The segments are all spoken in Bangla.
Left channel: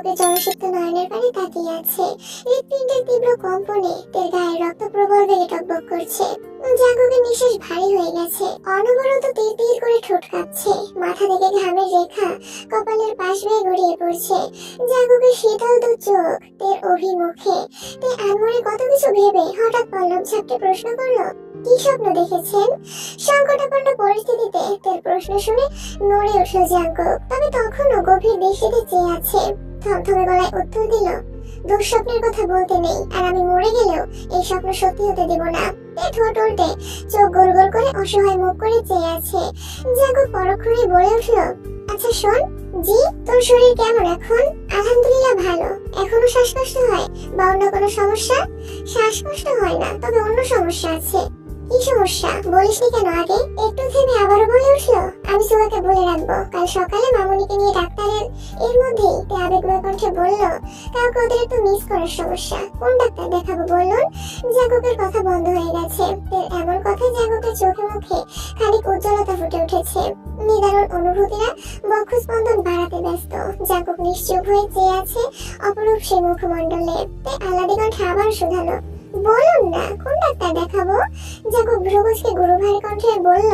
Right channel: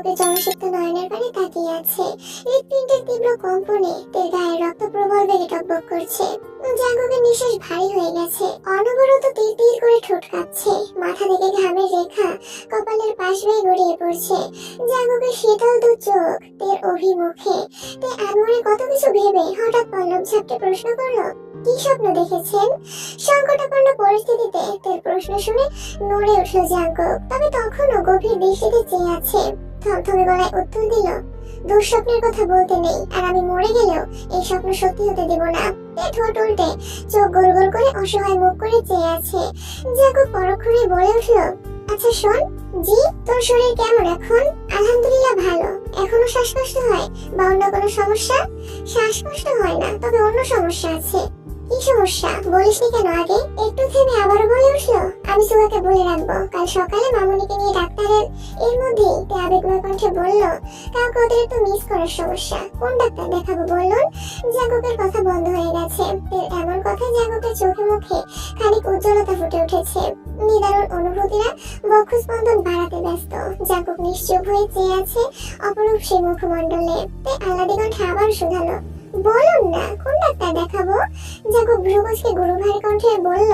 জাঙ্কুকের জলসিক্ত নয়নের পানে তাকিয়ে আছে। হৃৎপিণ্ডের তীব্র কম্পনে তার গায়ে রক্ত প্রবল বেগে টকবক করছে। জাঙ্কুকের নিঃশ্বাস ভারী হয়ে গেছে, অনবরত তীর তীর করে ঠোঁট কাঁপছে, মাথা থেকে ঘামের রেখা কপালের পাশ বেয়ে গড়িয়ে পড়ছে। জাঙ্কুকের শীতল দু চোখ তের অভিমুখে। তে আনমনে কত কিছু ভেবে হঠাৎ পল্লব ঝাপটে প্রশ্ন করলো, কি স্বপ্ন দেখেছেন? সংকটাপন্ন পরিস্থিতিতে তের প্রশ্ন শুনে নড়ে উঠল জাঙ্কুক, তবে তখনও গভীর দৃষ্টিতে চেয়ে আছে। থমথমে গলায় উত্তর দিল, দুঃস্বপ্নের কথা বলতে নেই, আর আমি মরে গেলেও এই স্বপ্ন সত্যি হতে দেব না। ঠোঁট উল্টে চোখ গোল গোল করে অসহায় মুখ করে চেয়ে আছে। জাঙ্কুক পরক্ষণে বলে উঠল, আচ্ছা শোন, জি তোর শরীর কেমন এখন? আলহামদুলিল্লাহ ভালো। এখনো শ্বাসকষ্ট হয় বা অন্য কোনো সমস্যা? শ্বাসকষ্ট হয় না, তবে অন্য সমস্যা আছে। কি সমস্যা বলিসনি কেন আগে? একটু থেমে আবারও বলে উঠলো, আমি সুগাকে বলে রাখবো, কাল সকালে মামুনিকে নিয়ে ডাক্তারের। এর মধ্যেই তে আবেগময় কণ্ঠে বলল, কাউকে ওদের একটু মিস করার সমস্যা। কোন ডাক্তার দেখাবো বলুন? জাঙ্কুকের কথা বন্ধ হয়ে গেছে। এর এমন কথায় জাঙ্কুকের চোখে মুখে খানিক উজ্জ্বলতা ফুটে উঠেছে। নিদারুণ অনুভূতিরা বক্ষস্পন্দন বাড়াতে ব্যস্ত। জাঙ্কুক নিশ্চুপ হয়ে চেয়ে আছে অপরূপ সেই মুখমণ্ডলে। তে আহ্লাদী কণ্ঠে আবার শুধালো, বলুন না কোন ডাক্তার দেখাবো? জাঙ্কুক ভ্রুকুচকে গুরুভার কণ্ঠে বলল,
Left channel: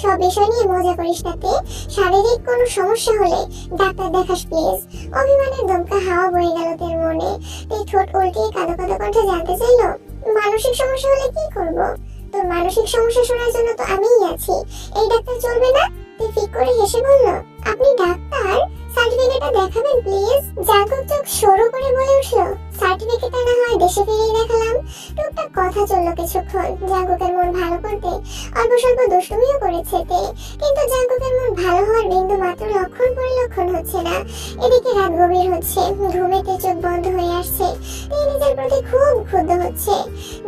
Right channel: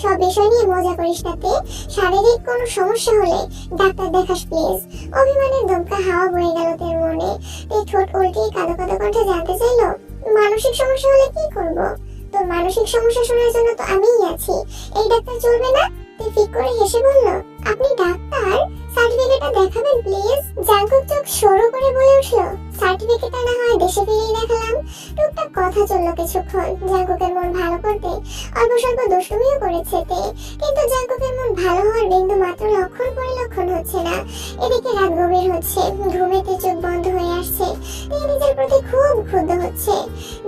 সব বিষয় নিয়ে মজা করিস না তে। শারীরিক কোনো সমস্যা হলে ডাক্তার দেখাস প্লিজ। অভিমানের দমকা হাওয়া বয়ে গেল তের মনে। তে ঠোঁট উল্টিয়ে কাঁদো কাঁদো কণ্ঠে জানতে চাইলো, মানসিক সমস্যা হলে কি করব? তোর মানসিক সমস্যা শোনার জন্য তো আমিই আছি, এই ডাক্তার চলবে না? তে ফিক করে হেসে বলল, আপনি ডাক্তার? সার্টিফিকেটটা দেখাবেন প্লিজ। জাঙ্কুক চোখ সরু করে বলে উঠল, সার্টিফিকেটটা না হয় দেশে ফিরেই দেখালাম। টুকটাক কথা চললো কিছুক্ষণ। জাঙ্কুকের মন ভালো করতে অল্প স্বল্প দুষ্টুমিও করেছে তে, কিন্তু জাঙ্কুকের মন ভালো হওয়ার বিন্দু মাত্র লক্ষণ পরিলক্ষণ হচ্ছে না। এদিকে রাত গভীর হচ্ছে, ঘুমেতে চোখ বন্ধ হয়ে আসছে। তে নিজের প্রতি খুব ক্ষুব্ধ হচ্ছে।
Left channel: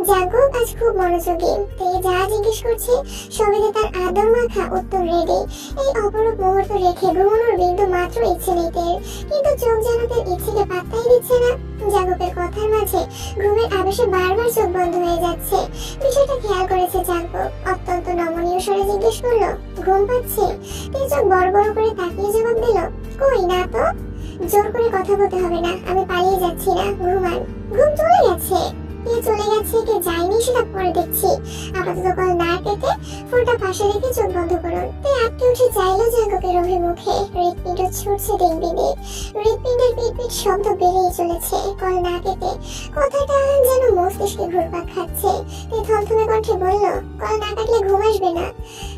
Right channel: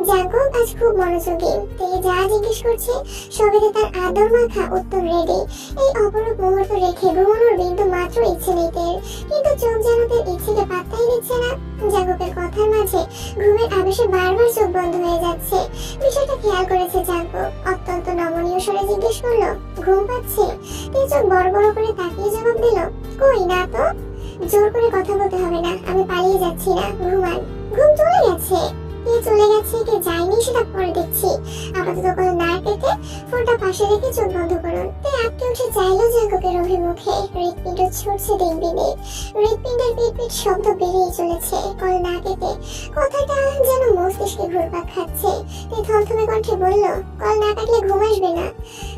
জাঙ্কুক আজ খুব মনোযোগী। তে যা জিজ্ঞেস করছে সবেতে তার আদর মাখা উত্তর রেডি। এই অপরূপ মুহূর্ত রেখে ঘুমানোর বিন্দু মাত্র ইচ্ছে নেই তের, কিন্তু চোখ যেন তের ইচ্ছেকে পাত্তাই দিচ্ছে না। জাঙ্কুকের কথার মাঝে ঘুমের আবেশে বারবার চোখ বন্ধ হয়ে যাচ্ছে। বিষয়টা খেয়াল করেছে জাঙ্কুক। অত্যন্ত নমনীয় স্বরে জিজ্ঞেস করলো, ঘুম পাচ্ছে? তে চোখ বড় বড় করে তাকিয়ে জবাব দিল, কই না তো। জোর করে কথা বলতে হবে না, আমি পালিয়ে যাচ্ছি না, ঘুমান। ঘুম চলে গেছে? কে চলে গেছে কে যায়নি সেটা পরে দেখছি। আপাতত কল না কেটে ফোনটা পাশে রেখে চোখ বন্ধ করুন। তে আটকে উঠে চাইলো জাঙ্কুকের অভিমুখে। হৃৎপিণ্ড ছুটছে দিনবিনে। হৃৎপিণ্ডের পিটপিট শব্দ বেড়েই চলেছে। কল না কেটে কথাটা যেন মস্তিষ্কে ঘুরপাক খাচ্ছে। তে থমথমে কণ্ঠে বলল, কল না কাটলে ঘুম আসবে না?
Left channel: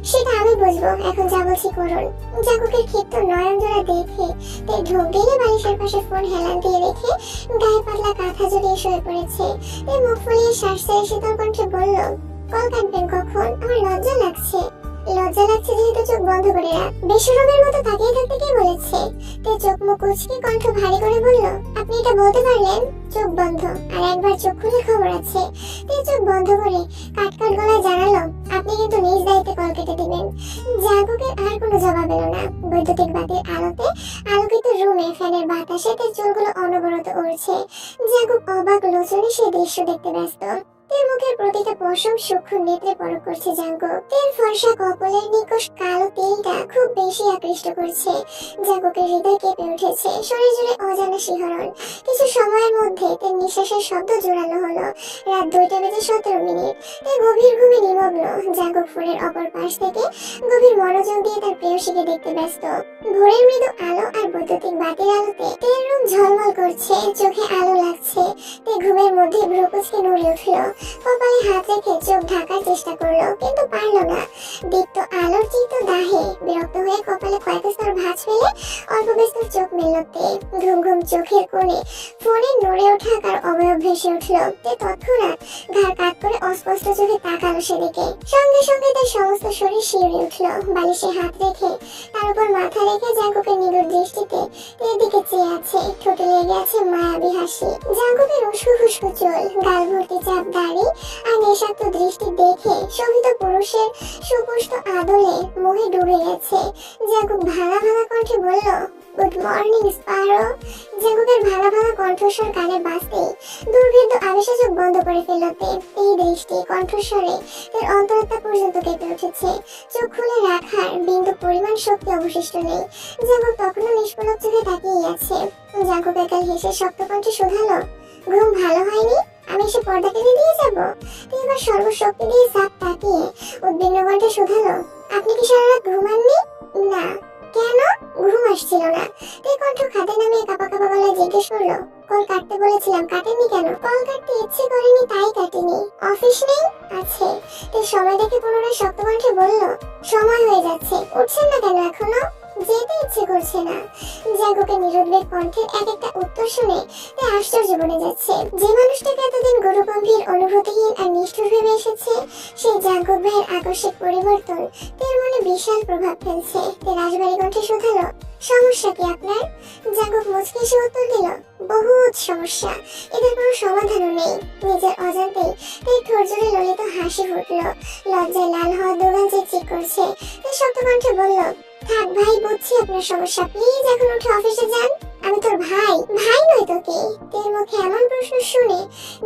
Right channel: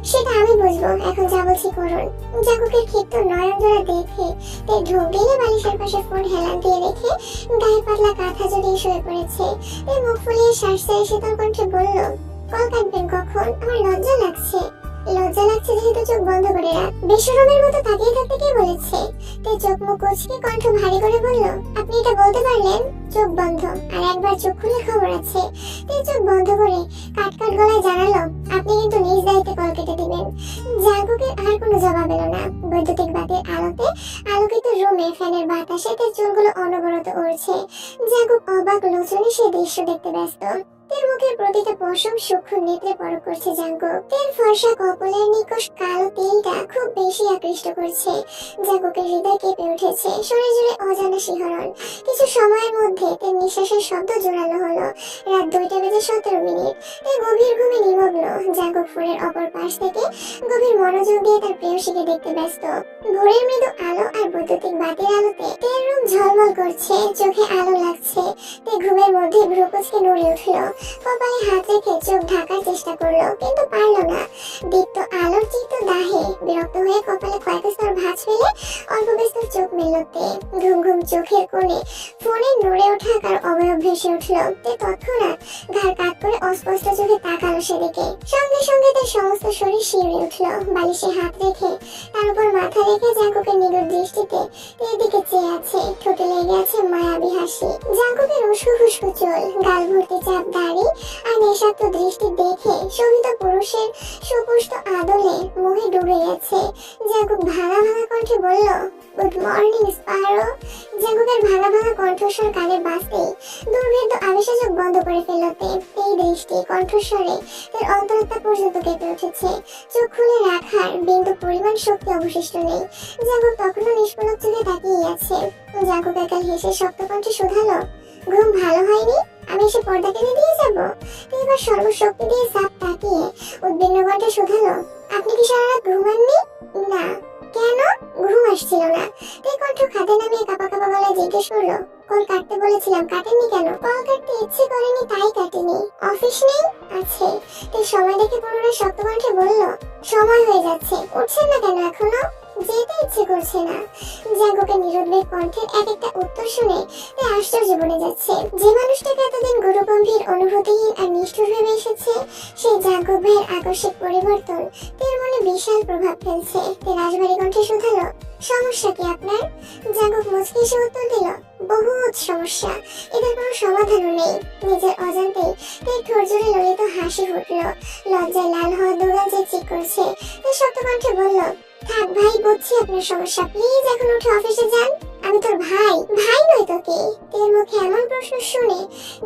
সেটা আমি বুঝবো, এখন যা বলছি করুন। জাঙ্কুকের ক্ষিপ্ত নয়ন জোড়া দেখে তে ঢোক গেলে বালিশের পাশে ফোন হেলান দিয়ে রেখে গায়ে পাতলা কাঁথা জড়িয়ে শুয়ে পড়েছে। মুখ ফুলিয়ে শ্বাস ছেড়ে শীতল কণ্ঠে বলল, কল কাটবেন কখন? আমার লজ্জা লাগছে। লজ্জা লাগছে যেহেতু চোখ বন্ধ করে রাখ। বেশরমের মতো তাকিয়ে থাকতে কে বলেছে? তে চোখ মুখ কুঁচকে কণ্ঠ ভারী করে বলল, আপনি এটা বলতে পারলেন? চোখ বন্ধ, আর একবার চোখ খুলে খবর আছে। তে চোখ বন্ধ করে কাটকাট গলায় জানালো, আপনি কিন্তু নিজ দায়িত্বে কল কেটে দিবেন। জাঙ্কুকের আর কোনো জবাব এলো না। বৈদ্যুতিক বাতির আলোতে আলোকিত রুমে ফ্যানের বাতাসে তের চুলগুলো অনবরত উড়ছে। জাঙ্কুক অবাক লোচনে সেই দৃশ্য দেখতে ব্যস্ত। তের মুখের প্রতিটা পশম সূক্ষ্ম নেত্রে পরখ করছে জাঙ্কুক। তের ফর্সা কপালের নিকষ কালো তিলটা খুব বেশি আকৃষ্ট করছে। জাঙ্কুকের হৃদয় কেঁপে উঠেছে, শরীর জুড়ে অজানা শিহরণ। কিছু সময়ের মধ্যে তের নিঃশ্বাসের শব্দ জোরালো হলো। রাত 2:17 তে গভীর ঘুমে নিমগ্ন। জাঙ্কুক ফোনের অপর পাশ থেকে গভীর মনোযোগ দিয়ে তার প্রেয়সীকে দেখতে ব্যস্ত। ভোরের মৃদু আলো আর বৈদ্যুতিক বাতির আলোতে তের রূপ ঝলমল করছে, চোখে আলো লাগছে। তে ঘুমের মধ্যে ভ্রুকুচকে নড়ে উঠল। কপালে হাত রেখে চোখ ঢাকার চেষ্টা করলো, কিন্তু পারলো না। দীপ্ত আলোর চিত্ত দাহে বিরক্ত হয়ে কপালে কয়েক স্তর ভাঁজ ফেলে অল্প বিস্তর চোখ মেলতে ঘুম ঘুম চোখের কোণে ফোনে নড়ে ওঠা কার অবয়ব ভেসে উঠল। তে তৎক্ষণাৎ ঘাড় কাত করে অস্পষ্ট চোখে তাকালো সেদিকে। সঙ্গে সঙ্গে তার সমস্ত শরীর শিউরে উঠল। বালিশে হাত রেখে তার উপর মাথা রেখে জাঙ্কুকের নিগুড় দৃষ্টিতে তের দিকে চেয়ে আছে। ঠোঁটে লেগে আছে মায়াবী হাসি। জাঙ্কুকের উস্কো খুস্কো চুল, গাল ভর্তি চাপ দাড়ি আর বিষাক্ত দৃষ্টি দেখে শোভিত পুরুষের সুপুষ্ট আদলে মোহে ডুবে গেছে। জাঙ্কুক ভাঙা ভাঙা কণ্ঠে বলল, গুড মর্নিং স্পারো। জাঙ্কুকের ভাঙা ভাঙা কণ্ঠস্বর কানে বাজতেই দুর্ভেদ্য আবেশে চোখ বন্ধ করে ফেলতে এই দৃষ্টি কণ্ঠস্বরে তার অন্তরাত্মা পর্যন্ত কেঁপে উঠেছে। চোখ খুলে রাখার বিন্দু পরিমাণ শক্তি অবশিষ্ট নেই। জাঙ্কুক তখনও নিষ্পলক চোখে তাকিয়ে আছে। জাঙ্কুক একাল হেসে শক্ত কণ্ঠে শোধালো, ঘুম ভালো হয়নি? আমি এসে পর্দা টেনে দিয়ে যাবো? এবার সর্বশক্তি দিয়ে চাপ তাকিয়ে উদ্বিগ্ন কণ্ঠে শোধালো, আপনি কি সারা রাত ঘুমাননি? না। কেন? ঘুম আসছিল না। তাই কণ্ঠ খাদে নামিয়ে কাপা কাপা গলায় জিজ্ঞেস করলো, কল কাটতে বলেছিলাম, কাটেননি কেন? কল কাটতে ইচ্ছে করেনি তাই কাটিনি। অফিস নেই? আছে। তাই সময় দেখে পুনরায় শক্ত কণ্ঠে বলল, সময় হয়ে যাচ্ছে, উঠছেন না কেন এখনো? যেতে ইচ্ছে করছে না। জাঙ্কুকের নিরুদ্বেগ কণ্ঠের এক একটা উত্তর শুনে তাই আশ্চর্য বনে যাচ্ছে। যে মানুষটাকে এতদিন গুরুগম্ভীর, অনুভূতিহীন আর নিষ্ঠুর ভেবে এসেছে, সেই জাঙ্কুক ভাইয়ের আকস্মিক পরিবর্তন তার মনে বিশাল প্রভাব ফেলছে। তাই রাজবাড়ি কণ্ঠে শোধালো, সমস্যা কি আপনার? জাঙ্কুক মুচকি এসে উত্তর দিল, বহুত সমস্যা, এদের কোনো সমাধানও নেই। নিজের অজান্তেই তাই ঠোঁট জোড়ে ললিত হাসি ফুটলো। লজ্জায় লাল হওয়া দুগাল চিকচিক করছে। তাই শক্ত কণ্ঠে বলল, থাক ভাই, বুঝছি আপনার সমস্যা, প্লিজ এখন উঠে অফিসে যান। আমি তোর ভাই? ভাই নই তো কে? তোর মুখে এমন প্রশ্ন শুনে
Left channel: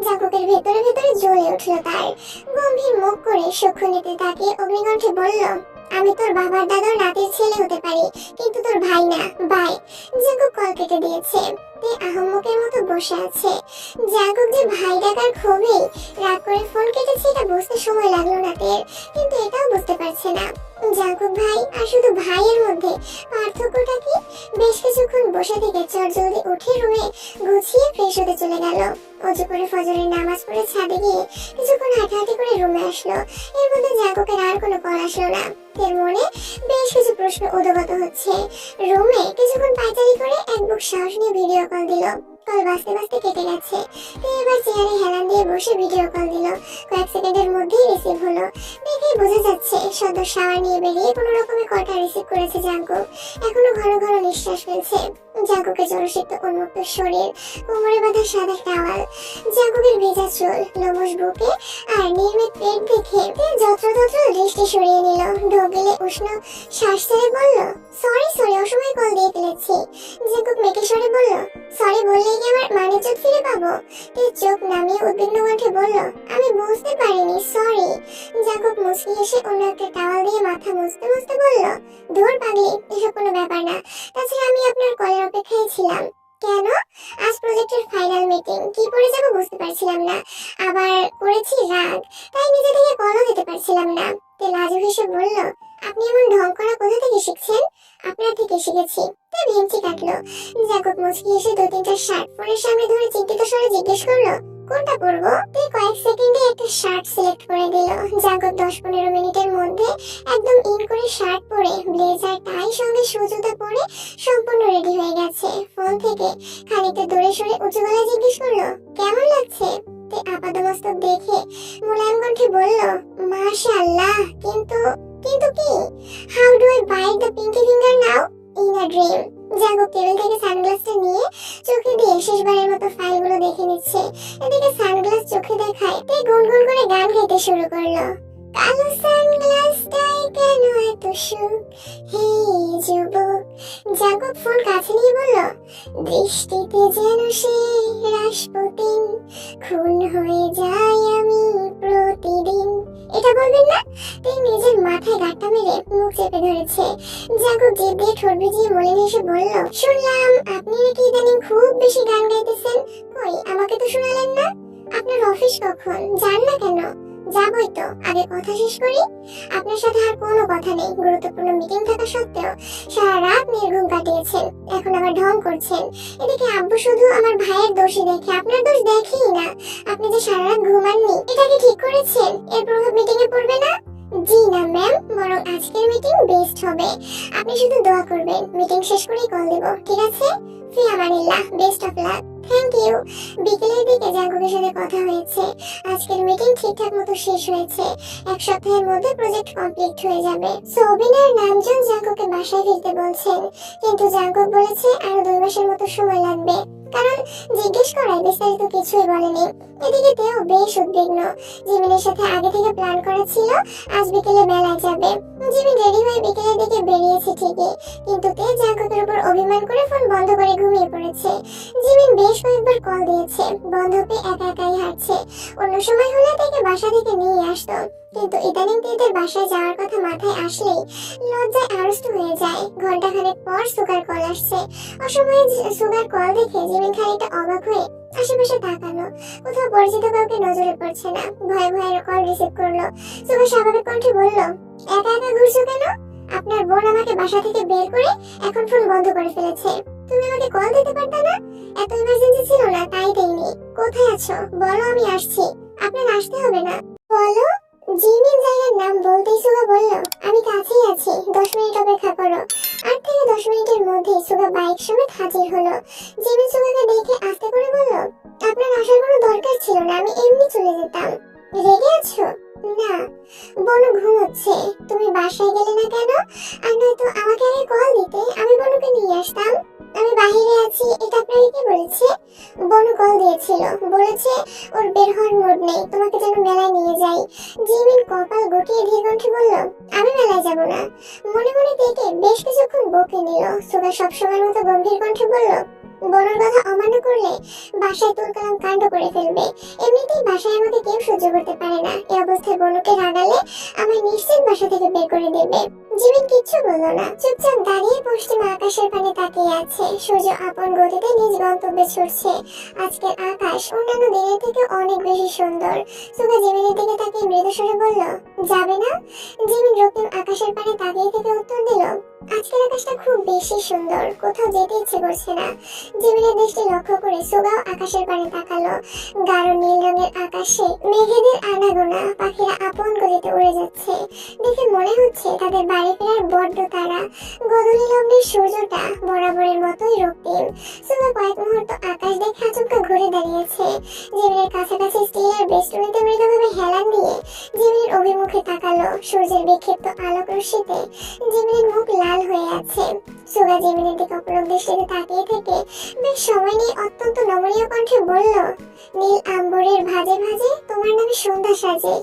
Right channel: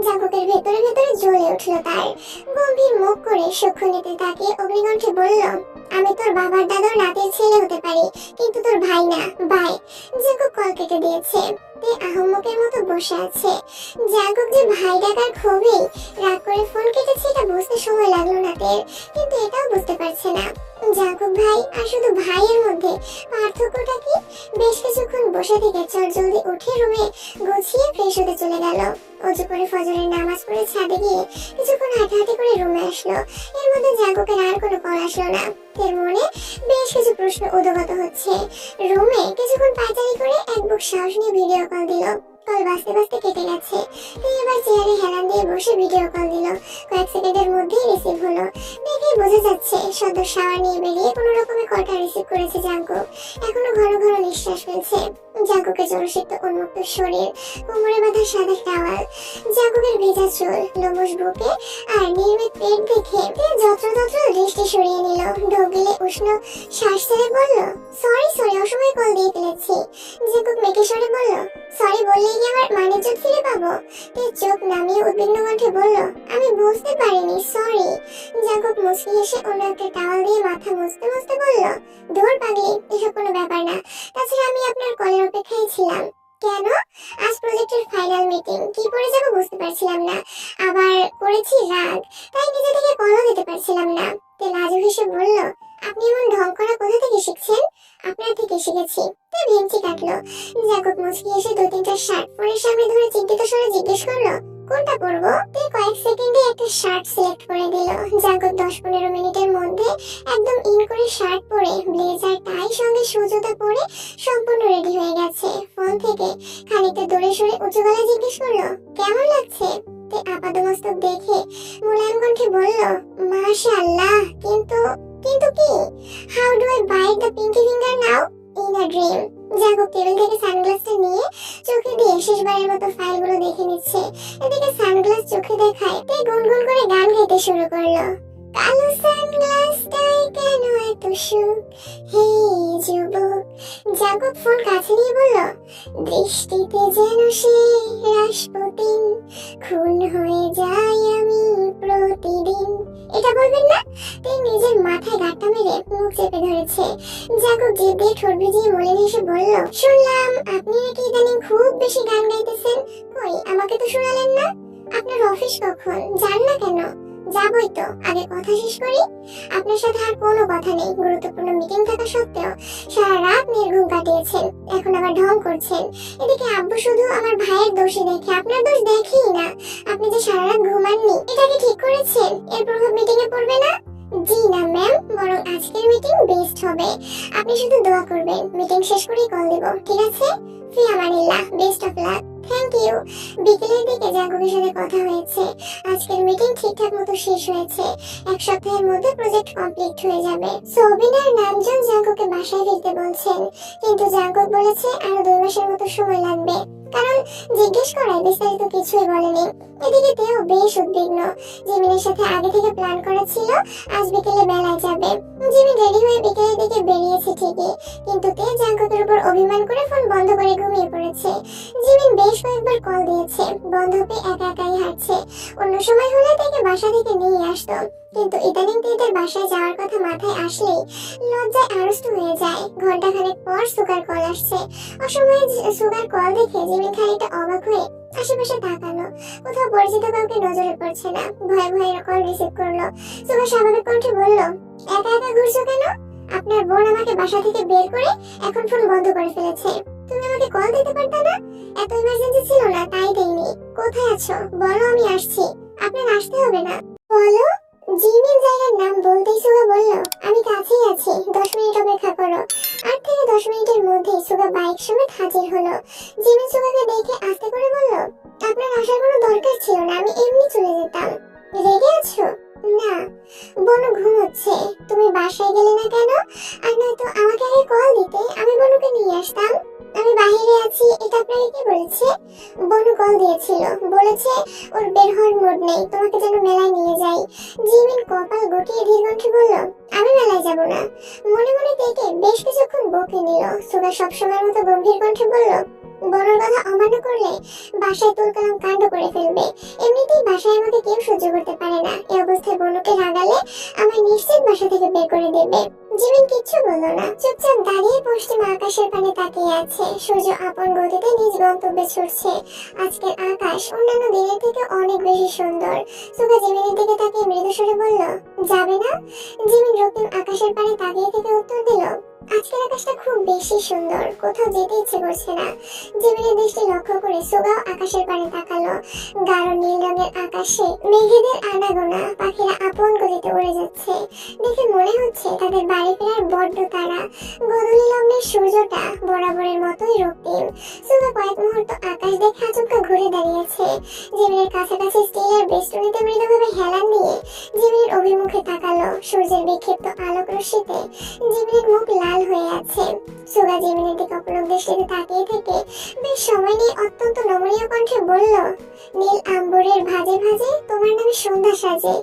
জাঙ্কুকের ভেতরে ভেতরে জ্বলে উঠলো। তার গম্ভীর মুখ করে সূক্ষ্ম নেত্রে তাকিয়ে অগ্নিকণ্ঠে বলল, আমি তোর বাবার দাদার নাতির ছেলে হতে পারি, কিন্তু তোর ভাই না। বাই। জাঙ্কুক কল কেটে দিয়েছে। তে আহম্মকের মতো বসে আছে। জাঙ্কুক যে ভাই ডাকার ক্ষোভেই রাগ করে ফোন কেটেছে এটা বুঝতে সময় লাগলো না তের, কিন্তু এটাও বুঝতে পারছে না জাঙ্কুক ভাই আর শুধু ভাইয়ের মধ্যে পার্থক্যটা কি। বেশ কিছুক্ষণ বসে থেকে চটজলদি উঠে রুমে গুছিয়ে ফ্রেশ হতে চলে গেল। অজু করে ফজরের নামাজ পড়ে ছাদে গিয়ে কিছুক্ষণ হাঁটাহাঁটি করে রুমে আসলো। এর মধ্যে জাঙ্কুকের আর কোনো কল আসলো না। এর মনে বেশ কিছু প্রশ্ন উদ্গত হচ্ছে। রুমে কিছুক্ষণ পায়চারি করে এক বুক সাহস নিয়ে ভিডিও কল দিল। কল বাজতে বাজতে কেটে গেছে। এবার চেয়ারে হেলান দিয়ে বসে ভিডিও কল দিল। কয়েক সেকেন্ডের মধ্যেই রিসিভ হলো। দেখেই বোঝা যাচ্ছে সদ্য শাওয়ার নিয়ে বেরিয়ে কোনো রকমে কলটা রিসিভ করেছে জাঙ্কুক। এখনো ঘন ঘন নিঃশ্বাস ফেলছে। জাঙ্কুকের জলসিক্ত উন্মুক্ত শরীর, কোমরে বাঁধা সাদা টাওয়াল, জাঙ্কুকের ভেজা চুল, লোমশ বুকে আর নির্মিত পেট দেখে যত্রতত্র দৃষ্টি সরিয়ে নিল। ঢোক গেলে উষ্ণ শ্বাস ছেড়ে বলল, সরি অসময়ে কল দিয়ে ফেলেছি। জাঙ্কুক মেকে সরে বলল, সরি বললেই কি আমার মানিজ্জত ফিরে পাবো? তে চোখ নামিয়ে উদ্বিগ্ন কণ্ঠে বলল, আমি বুঝতে পারিনি, সরি। জাঙ্কুক মুচকি হেসে অন্য একটা টাওয়াল দিয়ে মাথা মুছতে মুছতে বলল, ধুর পাগলি, এসব কোনো ব্যাপার না। তাছাড়া আমি আপনার কলের অপেক্ষায় ছিলাম। কেন? আজ প্রজেক্টের ফাইনাল মিটিং, কি পড়ে যাবো বুঝতে পারছিলাম না। আবার করেছি রাগ, তাই নিজে থেকে কলও দিতে পারছিলাম না। তে লাজুক হেসে বলল, আপনি এমন ঢং করা কোথা থেকে শিখছেন? আপনার থেকে শিখেছি। তে ভেঙচি কাটলো। জাঙ্কুক মুচকি এসে দু তিনটা শার্ট ফোনের সামনে ধরে চিন্তিত স্বরে জিজ্ঞেস করলো, কোনটা পরবো? তে কয়েক সেকেন্ডে একটা শার্ট সিলেক্ট করে দিল। জাঙ্কুক 10-15 মিনিটের মধ্যে একদম ইন করে শার্ট পরে ব্লেজার টাই সঙ্গে সুজুতা পরে সম্পূর্ণ রেডি হয়ে গেছে। ফোন থেকে খানিকটা দূরে সরে উঁচু গলায় জিজ্ঞেস করলো, কেমন লাগছে? তে আপাদমস্তক দেখে মোলায়েম কণ্ঠে বলল, মাশাআল্লাহ, কিন্তু কিন্তু কি? How do I bite the pinky finger now? In a dream. Jungkook table থেকে সানগ্লাসটা নিয়ে চোখে দিয়ে শেষবারের মতো ফাইলগুলো দেখে নিচ্ছে। এদিকে সানগ্লাস চোখে দেখায় তে গুনগুন করে গান গাইতে শুরু করলো, কালো সানগ্লাসটাই কেন এত সুখ, হে যুবক। জাঙ্কুক ফোন কাছে নিয়ে বলল, দৃষ্টিতে যেন সে রাসপুতিন, খুন হয়ে যাই আমি প্রতিদিন। এটা বলবেন না? তুই নিজের মাথায় গাঁটটা মেরে মুখ চেপে ধরেছে। জাঙ্কুক জিভ দিয়ে ঠোঁট ভিজিয়ে মলিন হেসে বলল, শুনলাম আপনি নাকি ইদানিং খুব বেশি গান গাইতেছেন। কই, আমাকে তো শোনালেন না। আপনার অফিস কখন? যান না কেন? যাবই তো, আগে কথা শেষ করি। আপনার সাথে আর কোনো কথা নেই। গুরুত্বপূর্ণ মিটিং থাকা সত্ত্বেও সারা রাত নির্ঘুম কাটিয়েছেন, এখন আবার ঢং করছেন। এদিকে আব্বু শুধু আমার ভাইয়ের দোষই দেখে, আপনার দোষ দেখেই না। আপনি যে সারা রাত ঘুমাননি, এটা কি ঠিক করেছেন? এর প্রভাব মিটিং এ পড়বে না? জি না ম্যাম, বরং আজকের মিটিং বেস্ট হবে। আপনি শুধু দোয়া করবেন, মিটিং শেষ করেই কল দিব, ঠিক আছে? ফি আমানিল্লাহ, best of luck. Thank you. বিকেলের দিকে জাঙ্কুকের সাথে কথা হয়েছে। আজকের মিটিং ঠিকঠাক মতো শেষ হয়েছে। এক সপ্তাহের মধ্যে প্রজেক্ট কমপ্লিট হয়ে যাবে। সোবিন আর নামজুন জাঙ্কুককে বাসায় ফিরতে বলছেন, কিন্তু জাঙ্কুক বলেছে আরো 2 মাসের মতো সময় লাগবে, কারণ জিজ্ঞেস করায় বিস্তারিত কিছুই বলেনি। এদিকে তেও বেশ উদ্বিগ্ন। জিমিনের সাথে আগে থেকে প্ল্যান করা ছিল আজ বিকেলে মেলায় যাবে। জিমিন রেডি হয়ে বিকেলের দিকে বেরিয়েছে ঠিকই, কিন্তু তে জাঙ্কুকের উপর অভিমান করে ফোন বন্ধ করে ঘুমিয়ে পড়েছে। জিমিন বেশ কয়েকবার কল দিয়েছে, বন্ধ পেয়ে একা একাই হাঁটছে। অন্য সময় হলে তাকে বাসা থেকে নিয়ে আসতো, কিন্তু ইদানিং তেদের বাসায় যাওয়ার কথা মাথায় আসলেই লজ্জায় আড়ষ্ট হয়ে যায়। ঘন্টাখানেক পর সুগার কল আসছে। অসময়ে সুগার কল দেখে জিমিন খানিকটা অবাক হয়ে আশেপাশে তাকালো। কোথাও পরিচিত কাউকে নজরে পড়ছে না। ভয়ে ভয়ে কল রিসিভ করলো। সুগার স্বাভাবিক কণ্ঠে বলল, একা একা ঘুরছো কেন? আপনার বোন আমাকে বাসা থেকে বের করে এখন ফোন বন্ধ করে ফেলেছে। তুমি আমাকে কল দিতে পারতে না? এত ইমার্জেন্সি ছিল না, তাই দেইনি। কোথায় আছো বলো, আমি আসছি। আপনার আসতে হবে না। বলো। জিমিন জায়গার নাম বলতেই সুগা বলল, আমি কাছেই আছি, 10 মিনিট অপেক্ষা করো। 8 থেকে 10 মিনিটের মধ্যেই সুগা বাইক সমেত হাজির হলো। জিমিন সুগাকে দেখে আস্তে করে বলল, আপনার আসার কোনো দরকার ছিল না, আমি এমনি চলে যেতাম। রেগে আছো? না, বনু ঘুমোচ্ছে। তুমি বাসায় গেলে না কেন? আর নয়তো আমাকে আগে কল দিতে, আমি বনুকে নিয়ে আসতাম। আমি বাহিরে আছি, এটা আপনাকে কে বলেছে? বনু কল দিয়েছিল, বলেছে ওর বের হওয়ার মুড নেই, তোমাকে যেন মেলায় নিয়ে যাই। জিমিন কপাল গুটিয়ে ধীর কণ্ঠে বলল, আমি মেলায় যাব না। মনে মনে তেকে বেশ কিছুক্ষণ বকে নিল। সুগা সবসময়ের মতো গম্ভীর কণ্ঠে বলল, বনুর কথা অমান্য করলে বাসায় তুলকালাম কাণ্ড করে ফেলবে। এমনিতেই বাসায় আমাকে কেউ সহ্য করতে পারে না। এই অবস্থায় বনুকে রাগালে আমায় নিশ্চিত বাসা থেকে বের করে দেবে। জিমিন কিচ্ছু বলল না, চুপচাপ দাঁড়িয়ে পশ্চিম আকাশের পানে তাকিয়ে আছে। সূর্য আপন গতিতে নিজ গন্তব্যে ছুটছে। আজকের আকাশ অন্যান্য দিনের থেকে অনেক বেশি সুন্দর। সুগা জিমিনের দিকে তাকিয়ে মৃদুস্বরে বলল, যাবে না? জিমিন রক্তিম আকাশের পানে তাকিয়ে থেকে উত্তর দিল, আজকের আকাশটা খুব বেশি সুন্দর, কোথাও যেতে ইচ্ছে করছে না। জিমিনের দৃষ্টি লক্ষ্য করে সুগাও আকাশের পানে তাকালো। গাঢ় নীল রঙের আকাশে মেঘেদের আনাগোনা, পাখিরা আপন গতিতে উড়ে যাচ্ছে। দেখে মনে হচ্ছে তাদের বাড়ি ফেরার বড্ড তারা। গোধূলি লগ্নের সূর্যটা বরাবরের মতোই রক্তিম। সুগা কয়েক মুহূর্ত আকাশ দেখে আচমকা ঘুরে দাঁড়িয়েছে। জিমিনের কাছাকাছি স্টিলের বেষ্টনীতে মৃদুভাবে হেলান দিয়ে জিমিনের অভিমুখে তাকালো। সূর্যের বিক্ষিপ্ত আলোক রশ্মিতে জিমিনের মুখ লাল হয়ে আছে। সুগা জিমিনের দিকে অপলক দৃষ্টিতে তাকিয়ে থেকে বেশ সময় নিয়ে অত্যন্ত নমনীয় কণ্ঠে বলল, নীল আম্বরের ভাজে ভাজে তোমার নামে সন্ধ্যা সাজে।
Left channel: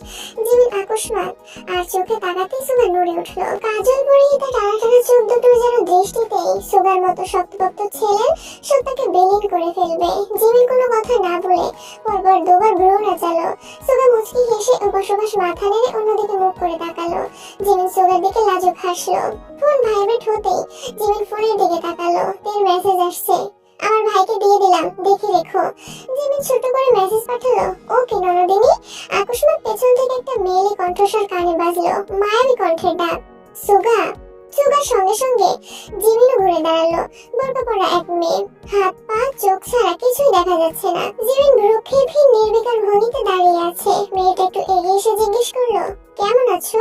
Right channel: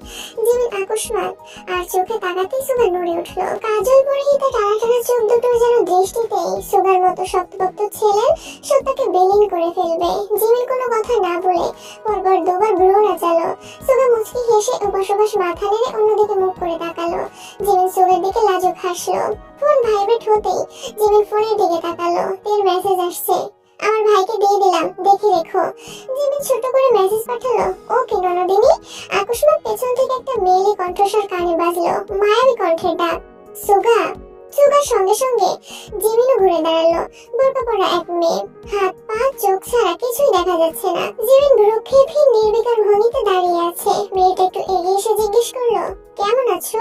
জিমিন আকস্মাত আর চোখে তাকাতেই সুগা নড়ে উঠল। কাজল পরিহিত টানা টানা চোখ দুটোর যেন দৃষ্টিতেই সুগার মতো শক্তপোক্ত ছেলের সত্তাকে বিলীন করে ফেলবে। জিমিন কোনো কথা না বলে পরপর দুবার ভ্রু নাচালো। সুগা মুচকি হেসে উপাস মাথা নেড়ে অন্যদিকে মুখ করে তাকালো। জিমিন সুগার দিকে লাজুক হাসলো। ফোন ভাইব্রেট হতেই জিমিন ফোনের দিকে তাকালো। তের মেসেজ আসছে, আমার ভাইকে দিয়ে দিলাম, দেখে রেখো। জিমিন ছোট করে মেসেজ পাঠালো, ওকে ননদিনী। আকস্মাত পেছন থেকে একটা মেয়েলি কণ্ঠস্বর কানে বাজলো, মায়াবী কণ্ঠের ডাক, সুগা। সুগার সঙ্গে সঙ্গে জিমিনও ঘুরে দাঁড়ালো। বোরকা পরা এক মেয়ে, হাত পা চোখ ছাড়া কিছুই দেখা যাচ্ছে না। জিমিন ভ্রুক্ষেপহীন নির্বিকার ভঙ্গিতে দাঁড়িয়ে আছে। মেয়েটা একটু এগিয়ে এসে জিজ্ঞেস করলো, কেমন আছো?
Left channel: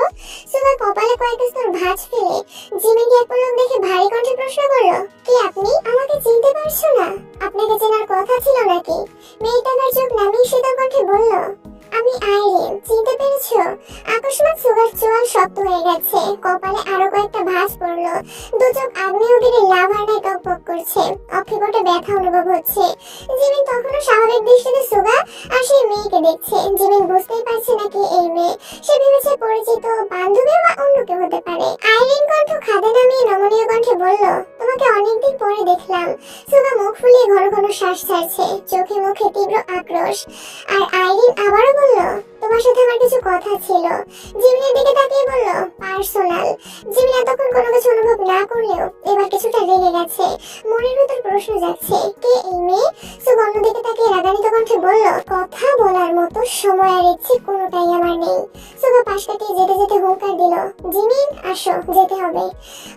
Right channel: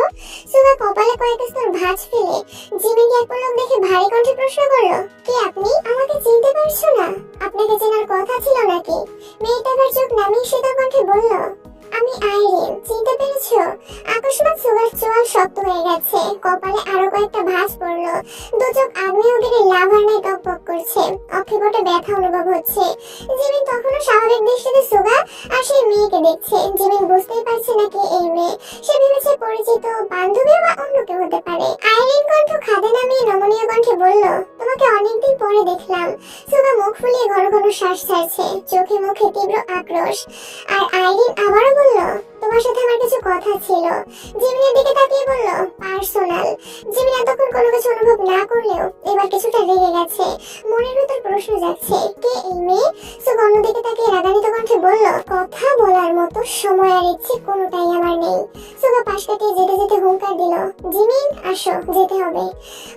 সুগা কপালে কয়েক স্তর ভাঁজ ফেলে জিমিনকে এক পলক দেখে ভারী কণ্ঠে প্রশ্ন করলো, কে আপনি? আমাকে চিনতে পারছো না? আপনাকে চেনার কথা ছিল নাকি? মেয়েটা তার চোখ নামিয়ে শীতল কণ্ঠে বলল, আমি আইরিন, চিনতে পেরেছো? আকস্মাত সুগার চোয়াল শক্ত হয়ে গেছে। কপালে আরো কয়েকটা ভাঁজ পড়লো। দু চোখ আগ্নেয়গিরির লাভার ন্যায় টকবক করছে। অক্ষিপটে ব্যথা অনুভব হচ্ছে। জিমিন তখনও স্বাভাবিক দৃষ্টিতে সুগা আর সেই মেয়েকে দেখছে। জিমিন বুঝতেই পারছে না কি এই মেয়ে। সে ভেবেছে পরিচিত বান্ধবী বা অন্য কেউ হতে পারে। আইরিন কণ্ঠ খাদে নামিয়ে নমনীয় কণ্ঠে বলল, তোমাকে অনেকদিন পরে দেখলাম। সুগা মুখ ফুলিয়ে ঘন ঘন শ্বাস ছাড়ছে, চোখে মুখে তীব্র আক্রোশ। আর আইরিন আবারও বলল, তোমার সাথে আমার কিছু কথা ছিল। জিমিনের দিকে তাকিয়ে বলল, পার্সোনাল। জিমিন এতক্ষণ কোনো কিছু অনুভব না করলেও এবার কিছুটা রেগে গেছে। মনের ভিতর প্রশ্ন জাগছে, কে এই মেয়ে? সুগা অন্যদিকে তাকিয়ে রাগান্বিত কণ্ঠে বলল, কথা বলার মতো সময় আর ইচ্ছে কোনোটাই আমার নেই। সুগা পাশ কাটিয়ে যেতে যেতে হুঙ্কার দিল, জিমিন আসো, যেতে হবে।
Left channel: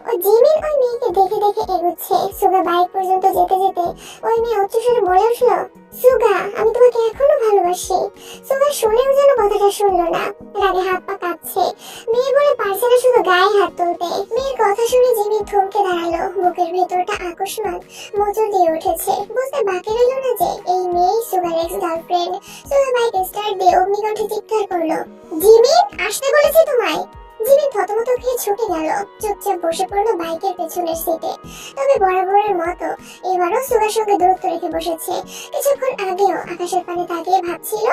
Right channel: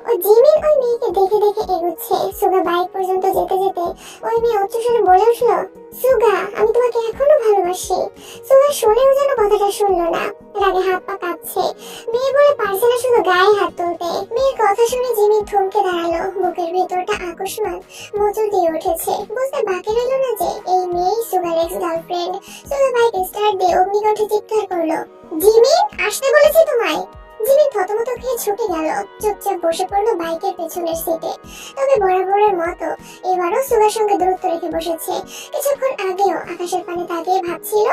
ও জিমিন ওই মেয়েকে দেখে দেখে এগুচ্ছে। সুগা বাইক পর্যন্ত যেতে যেতে ওই মেয়ে উচ্চস্বরে বলে উঠল, সুগা, আমি তোমাকে এখনো ভালোবাসি। সুগা শুনেও যেন কথাটা শুনলো না। রাগে হাত পা কাঁপছে। মেয়ে বলে পারছে না শুধু গায়ে হাত তুলতে। মেয়ের কথা শুনে জিমিন থমকে দাঁড়ালো। বুকের ভেতরটা আকস্মাত মোচড় দিয়ে উঠেছে। বুঝতে বাকি রইল না যে এই মেয়েই সুগার ex girlfriend. Suga bike start দিয়ে অগ্নিকণ্ঠে চিৎকার করলো, জিমিন, আসতে বলেছি তোমায়। জিমিন থতমত খেয়ে ছুটে গেল, চুপচাপ বসে পড়লো বাইকের পেছনের সিটে। তবে বরাবরের মতো এবারও সুগার সঙ্গে দূরত্ব রেখে বসেছে। কিছুক্ষণ আগেও আকাশের পানে তাকিয়ে ভাবছিল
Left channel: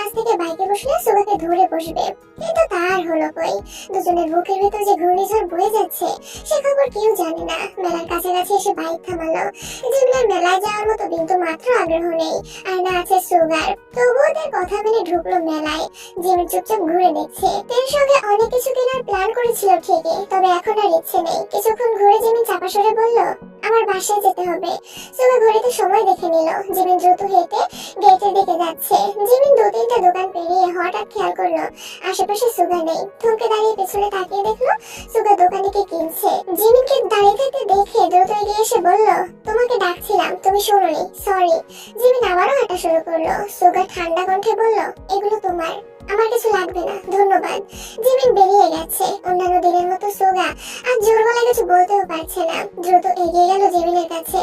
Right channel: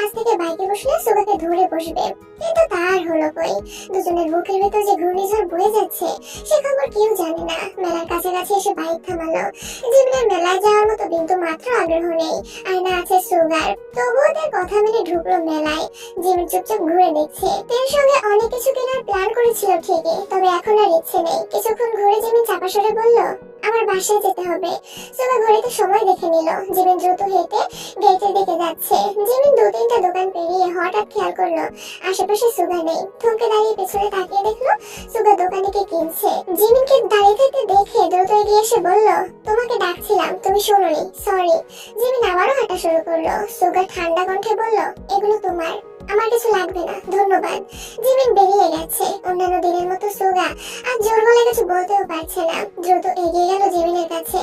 আজ থেকে বাইকে বসলে সুগাকে ধরে বসবে, কিন্তু তার হলো কই। দুজনের বুকের ভেতর যে ঘূর্ণিঝড় বয়ে যাচ্ছে সে খবর কেউ জানে না। মেলার কাছাকাছি এসে বাইক থামালো। জিমিনের মেলায় যাওয়ার মতো বিন্দু মাত্র আগ্রহ নেই, আর না আছে সুগার। তবুও তার কথা মেনে ঢুকলো মেলায়। জিমিন চুপচাপ ঘুরে দেখছে। তের সঙ্গে অনেক কিছু কেনার প্ল্যান করেছিল ঠিকই, তবে এখন আর ইচ্ছে নেই। কিছুক্ষণ ঘুরে জিমিন চাপা সরে বলল, আমার বাসায় যেতে হবে। সুগা ঘড়িতে সময় দেখে নিল। জিমিন দ্রুত হেঁটে গেটের দিকে যাচ্ছে। জিমিন 2-3টা দোকান পেরিয়ে হঠাৎ খেয়াল করলো আশেপাশে সুগা নেই। থমকে দাঁড়িয়ে পেছনে তাকিয়ে দেখলো সুগা দোকানিকে কিনছে। জিমিনকে দাঁড়িয়ে থাকতে দেখে দ্রুত এগিয়ে এসে বলল, তোমাকে ডাকছিলাম, তুমি শোনোনি, সরি। জিমিন আবারও হাঁটা শুরু করলো। সুগা ঠান্ডা কণ্ঠে বলল, এগুলো তোমার, আমার কিছু লাগবে না, ধন্যবাদ। জিমিন বেরিয়ে গেছে। অন্যান্য দিনের মতো সুগা আর জোর গলায় কিছু বলতেও পারছে না। দ্রুত এগিয়ে গেল জিমিনের কাছে।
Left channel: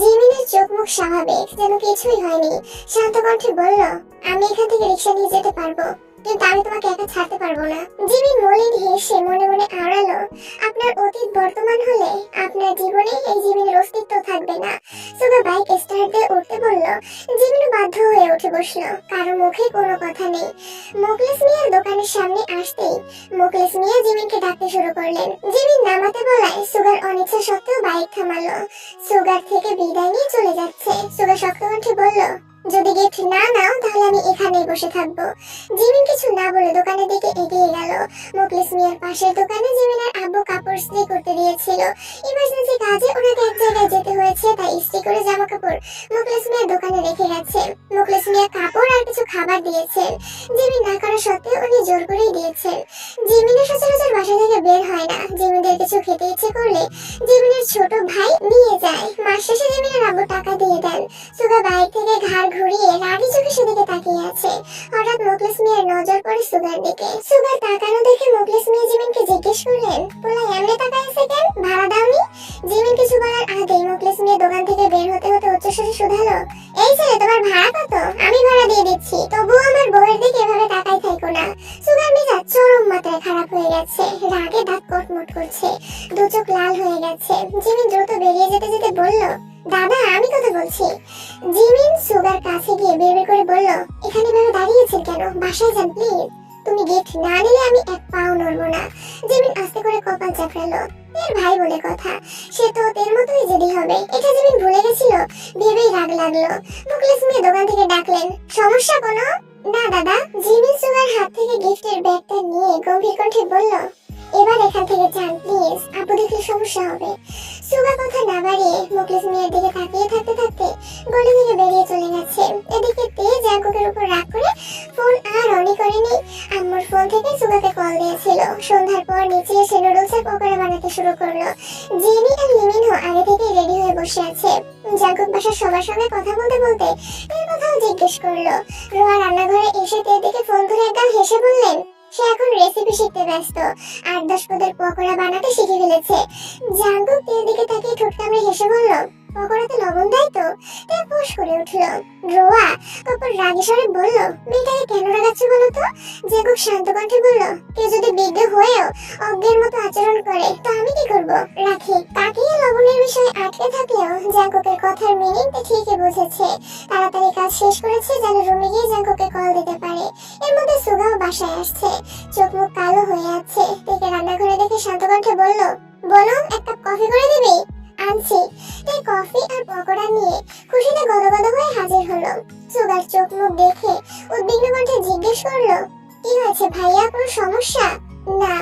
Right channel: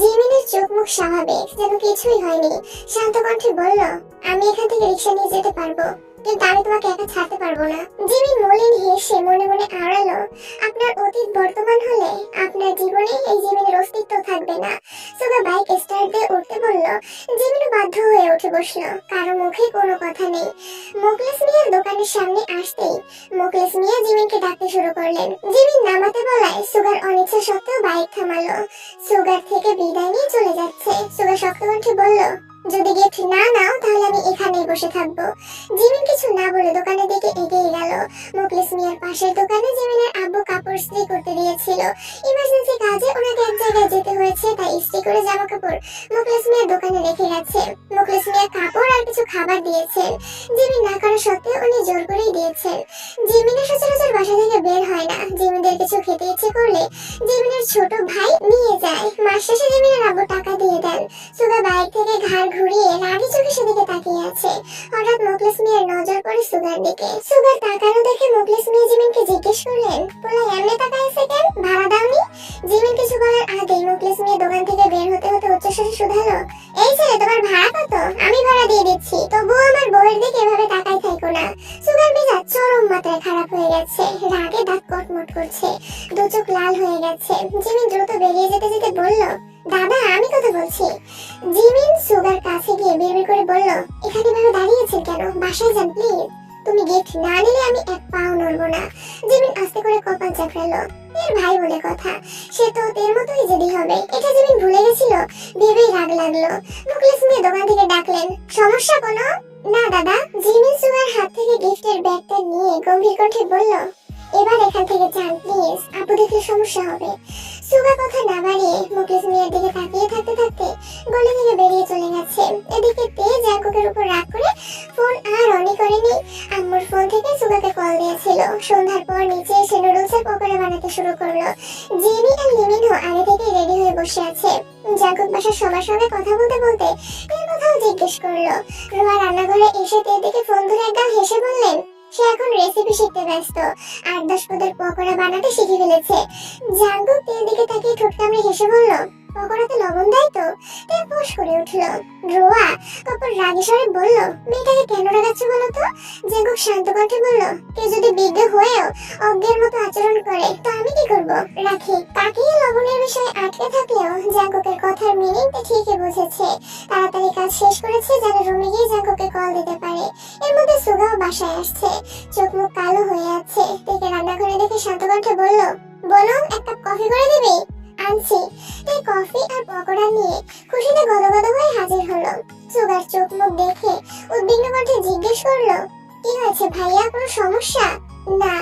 জিমিনের চোখ মুখ স্বাভাবিক, যেন কিছুই হয়নি। শান্ত কণ্ঠে বলল, আমি এখান থেকে রিক্সা নিয়ে যেতে পারবো, কিন্তু আমি তোমাকে একা ছাড়তে পারবো না। জিমিন মলিন হেসে মনে মনে আওড়ালো, আপনার অতীত বর্তমান হলে আপনার জীবনে এই জিমিনের অস্তিত্ব থাকবে না। সুগা বাইক স্টার্ট দিয়ে উঠতে বলল। জিমিনও বাধ্য হয়ে উঠে বসলো। কারো মুখে কোনো কথা নেই। মোকলেস মিয়ার দোকানের সামনে আসতেই মোকলেস মিয়া জিমিনকে ডাকতে শুরু করলেন। জিমিন নামাতে বলায় সুগার অনিচ্ছা সত্ত্বেও বাইক থামালো। সুগার থেকে বিদায় নিয়ে চলে যাচ্ছে। সুগা শক্ত কণ্ঠে বলল, যদি গিফট না নাও তাহলে আমি এখানেই বসে থাকবো। জিমিন কিছু না বলে দোকানের দিকে এগিয়ে গেল। মোকলেস মিয়ার পাশের দোকানে জিমিনের আব্বু কাপড় ইস্ত্রি করতে দিয়েছিল। ইমার্জেন্সি কাজে ওনাকে এক জায়গায় যেতে হয়েছে, তাই ইস্ত্রি করে জামা কাপড় মোকলেস মিয়ার দোকানে রেখে গেছে। মোকলেস মিয়া কাপড় আর কিছু খাবার দিয়েছেন। জিমিন না করা সত্ত্বেও উনি জোর করেই দিয়েছেন। জিমিনের সচরাচর বাসা থেকে বের হয় না। জিমিনের কিছু খেতে ইচ্ছে করলে জিমিনের ছোট ভাই নিয়ে যায়। মাস শেষে জিমিনের আব্বু টাকা দিয়ে দেন। সুগা বাইক থেকে ঘাড় ঘুরিয়ে রাগী চোখে সেদিকে তাকিয়ে আছে। হঠাৎ মোকলেস মিয়ার নজর পড়ে সুগার দিকে। সুগার তাকানো দেখে মোকলেস মিয়া জিমিনকে জিজ্ঞেস করলেন, পোলা এমনি তাকাইছে কেন, ভাড়া দাওনি? জিমিন কিছু বলার আগেই মোকলেস মিয়া দোকান থেকে বের হতে হতে উচ্চস্বরে শুধালো, এই ছেলে তোমার ভাড়া কত? আমি ভাড়া দিয়ে দিচ্ছি, তবুও আমার বউয়ের দিকে এভাবে তাকাই থাকো না। সুগার মেজাজ চরম মাত্রায় খারাপ হয়ে গেছে। রাগে দাঁত কটমট করছে, দু চোখ লাল হয়ে গেছে। জিমিন দ্রুত বেরিয়ে যেতে যেতে বলল, দাদা আমি কথা বলছি। জিমিন সুগার কাছে গিয়ে বিড়বিড় করে বলল, এখানে ভাবে দাঁড়িয়েছেন কেন, বাসায় যান প্লিজ। তুমি গিফট না নিলে আমি এক পাও নড়বো না। জিমিন আস্তে করে কপাল চাপড়ালো। এর ভাই বলে কথা, সে তো তের মতোই জেদি হবে, এটা জিমিন ভুলে গেছিল। ভেবেই রাগ লাগলো। মুকলেস মিয়া দোকান থেকে ডাকলেন, সমস্যা কোনো? না দাদা। জিমিন সুগার হাত থেকে গিফটের ব্যাগটা নিয়ে গম্ভীর কণ্ঠে বলল, এবার এখান থেকে যান প্লিজ, আপু দেখলে সমস্যা হবে। সুগা কথা না বাড়িয়ে মুকলেস মিয়ার দিকে তাকিয়ে থাকতে থাকতে গলি থেকে বেরিয়ে চলে গেছে। এদিকে তে জাঙ্কুকের উপর রাগ করে ফোন আর অনই করেনি। আম্মুর ফোন থেকে সুগাকে কল দিয়েছিল। সন্ধ্যার পর নিচে এসে নুডলসের পকোড়া বানাতে শুরু করলো। জেনি আর লিমিনও আগে থেকেই রেডি হয়ে বসে আছে। জাঙ্কুক বাসার সবার সঙ্গে কথা বলতে বলতে তের কথাও জিজ্ঞেস করলো। রোয়া রান্নাঘরে এসে তের দিকে ফোন ধরে একদম হেসে বললেন, সে এখন রেসিপি শিখতে ব্যস্ত, 8-10 পদের পকোড়া বানাতে শিখে ফেলেছে। জাঙ্কুক তের দিকে তাকিয়ে ঠোঁট কামড়ে হেসে বলল, পকোড়াতে লবণ দেয় তো? তে ফোঁস করে উঠলো। রোয়া তারপর রাগী স্বরে বলল, মেয়েটাকে কেন রাগাচ্ছ বলো তো? জাঙ্কুক শান্ত কণ্ঠে বলল, কেউ যদি বিজ্ঞ হয়েও অজ্ঞের মতো আচরণ করে তো আমি কি করব? রাখি। তাকিয়ে লবণের বিষয়ে আটকে থাকলেও জাঙ্কুকের কথার মিনিংটা ঠিকই বুঝেছে। তাড়াতাড়ি কাজ শেষ করেছে যেন রুমে গিয়ে জাঙ্কুকে কল দিতে পারে। এর মধ্যে সুগাও বাসায় আসছে, চোখ মুখ কালো হয়ে আছে। তেকে রান্নাঘরে দেখে শান্ত কণ্ঠে বলল, বলো এক কাপ কফি করে দিবি? আনছি। তাই কফি আর পকোড়া নিয়ে খুশিতে গদগদ হয়ে হাজির হলো। সুগার চোখ মুখ দেখে উদ্বিগ্ন কণ্ঠে জিজ্ঞেস করলো, কি হয়েছে ভাইয়া, কোনো সমস্যা? না।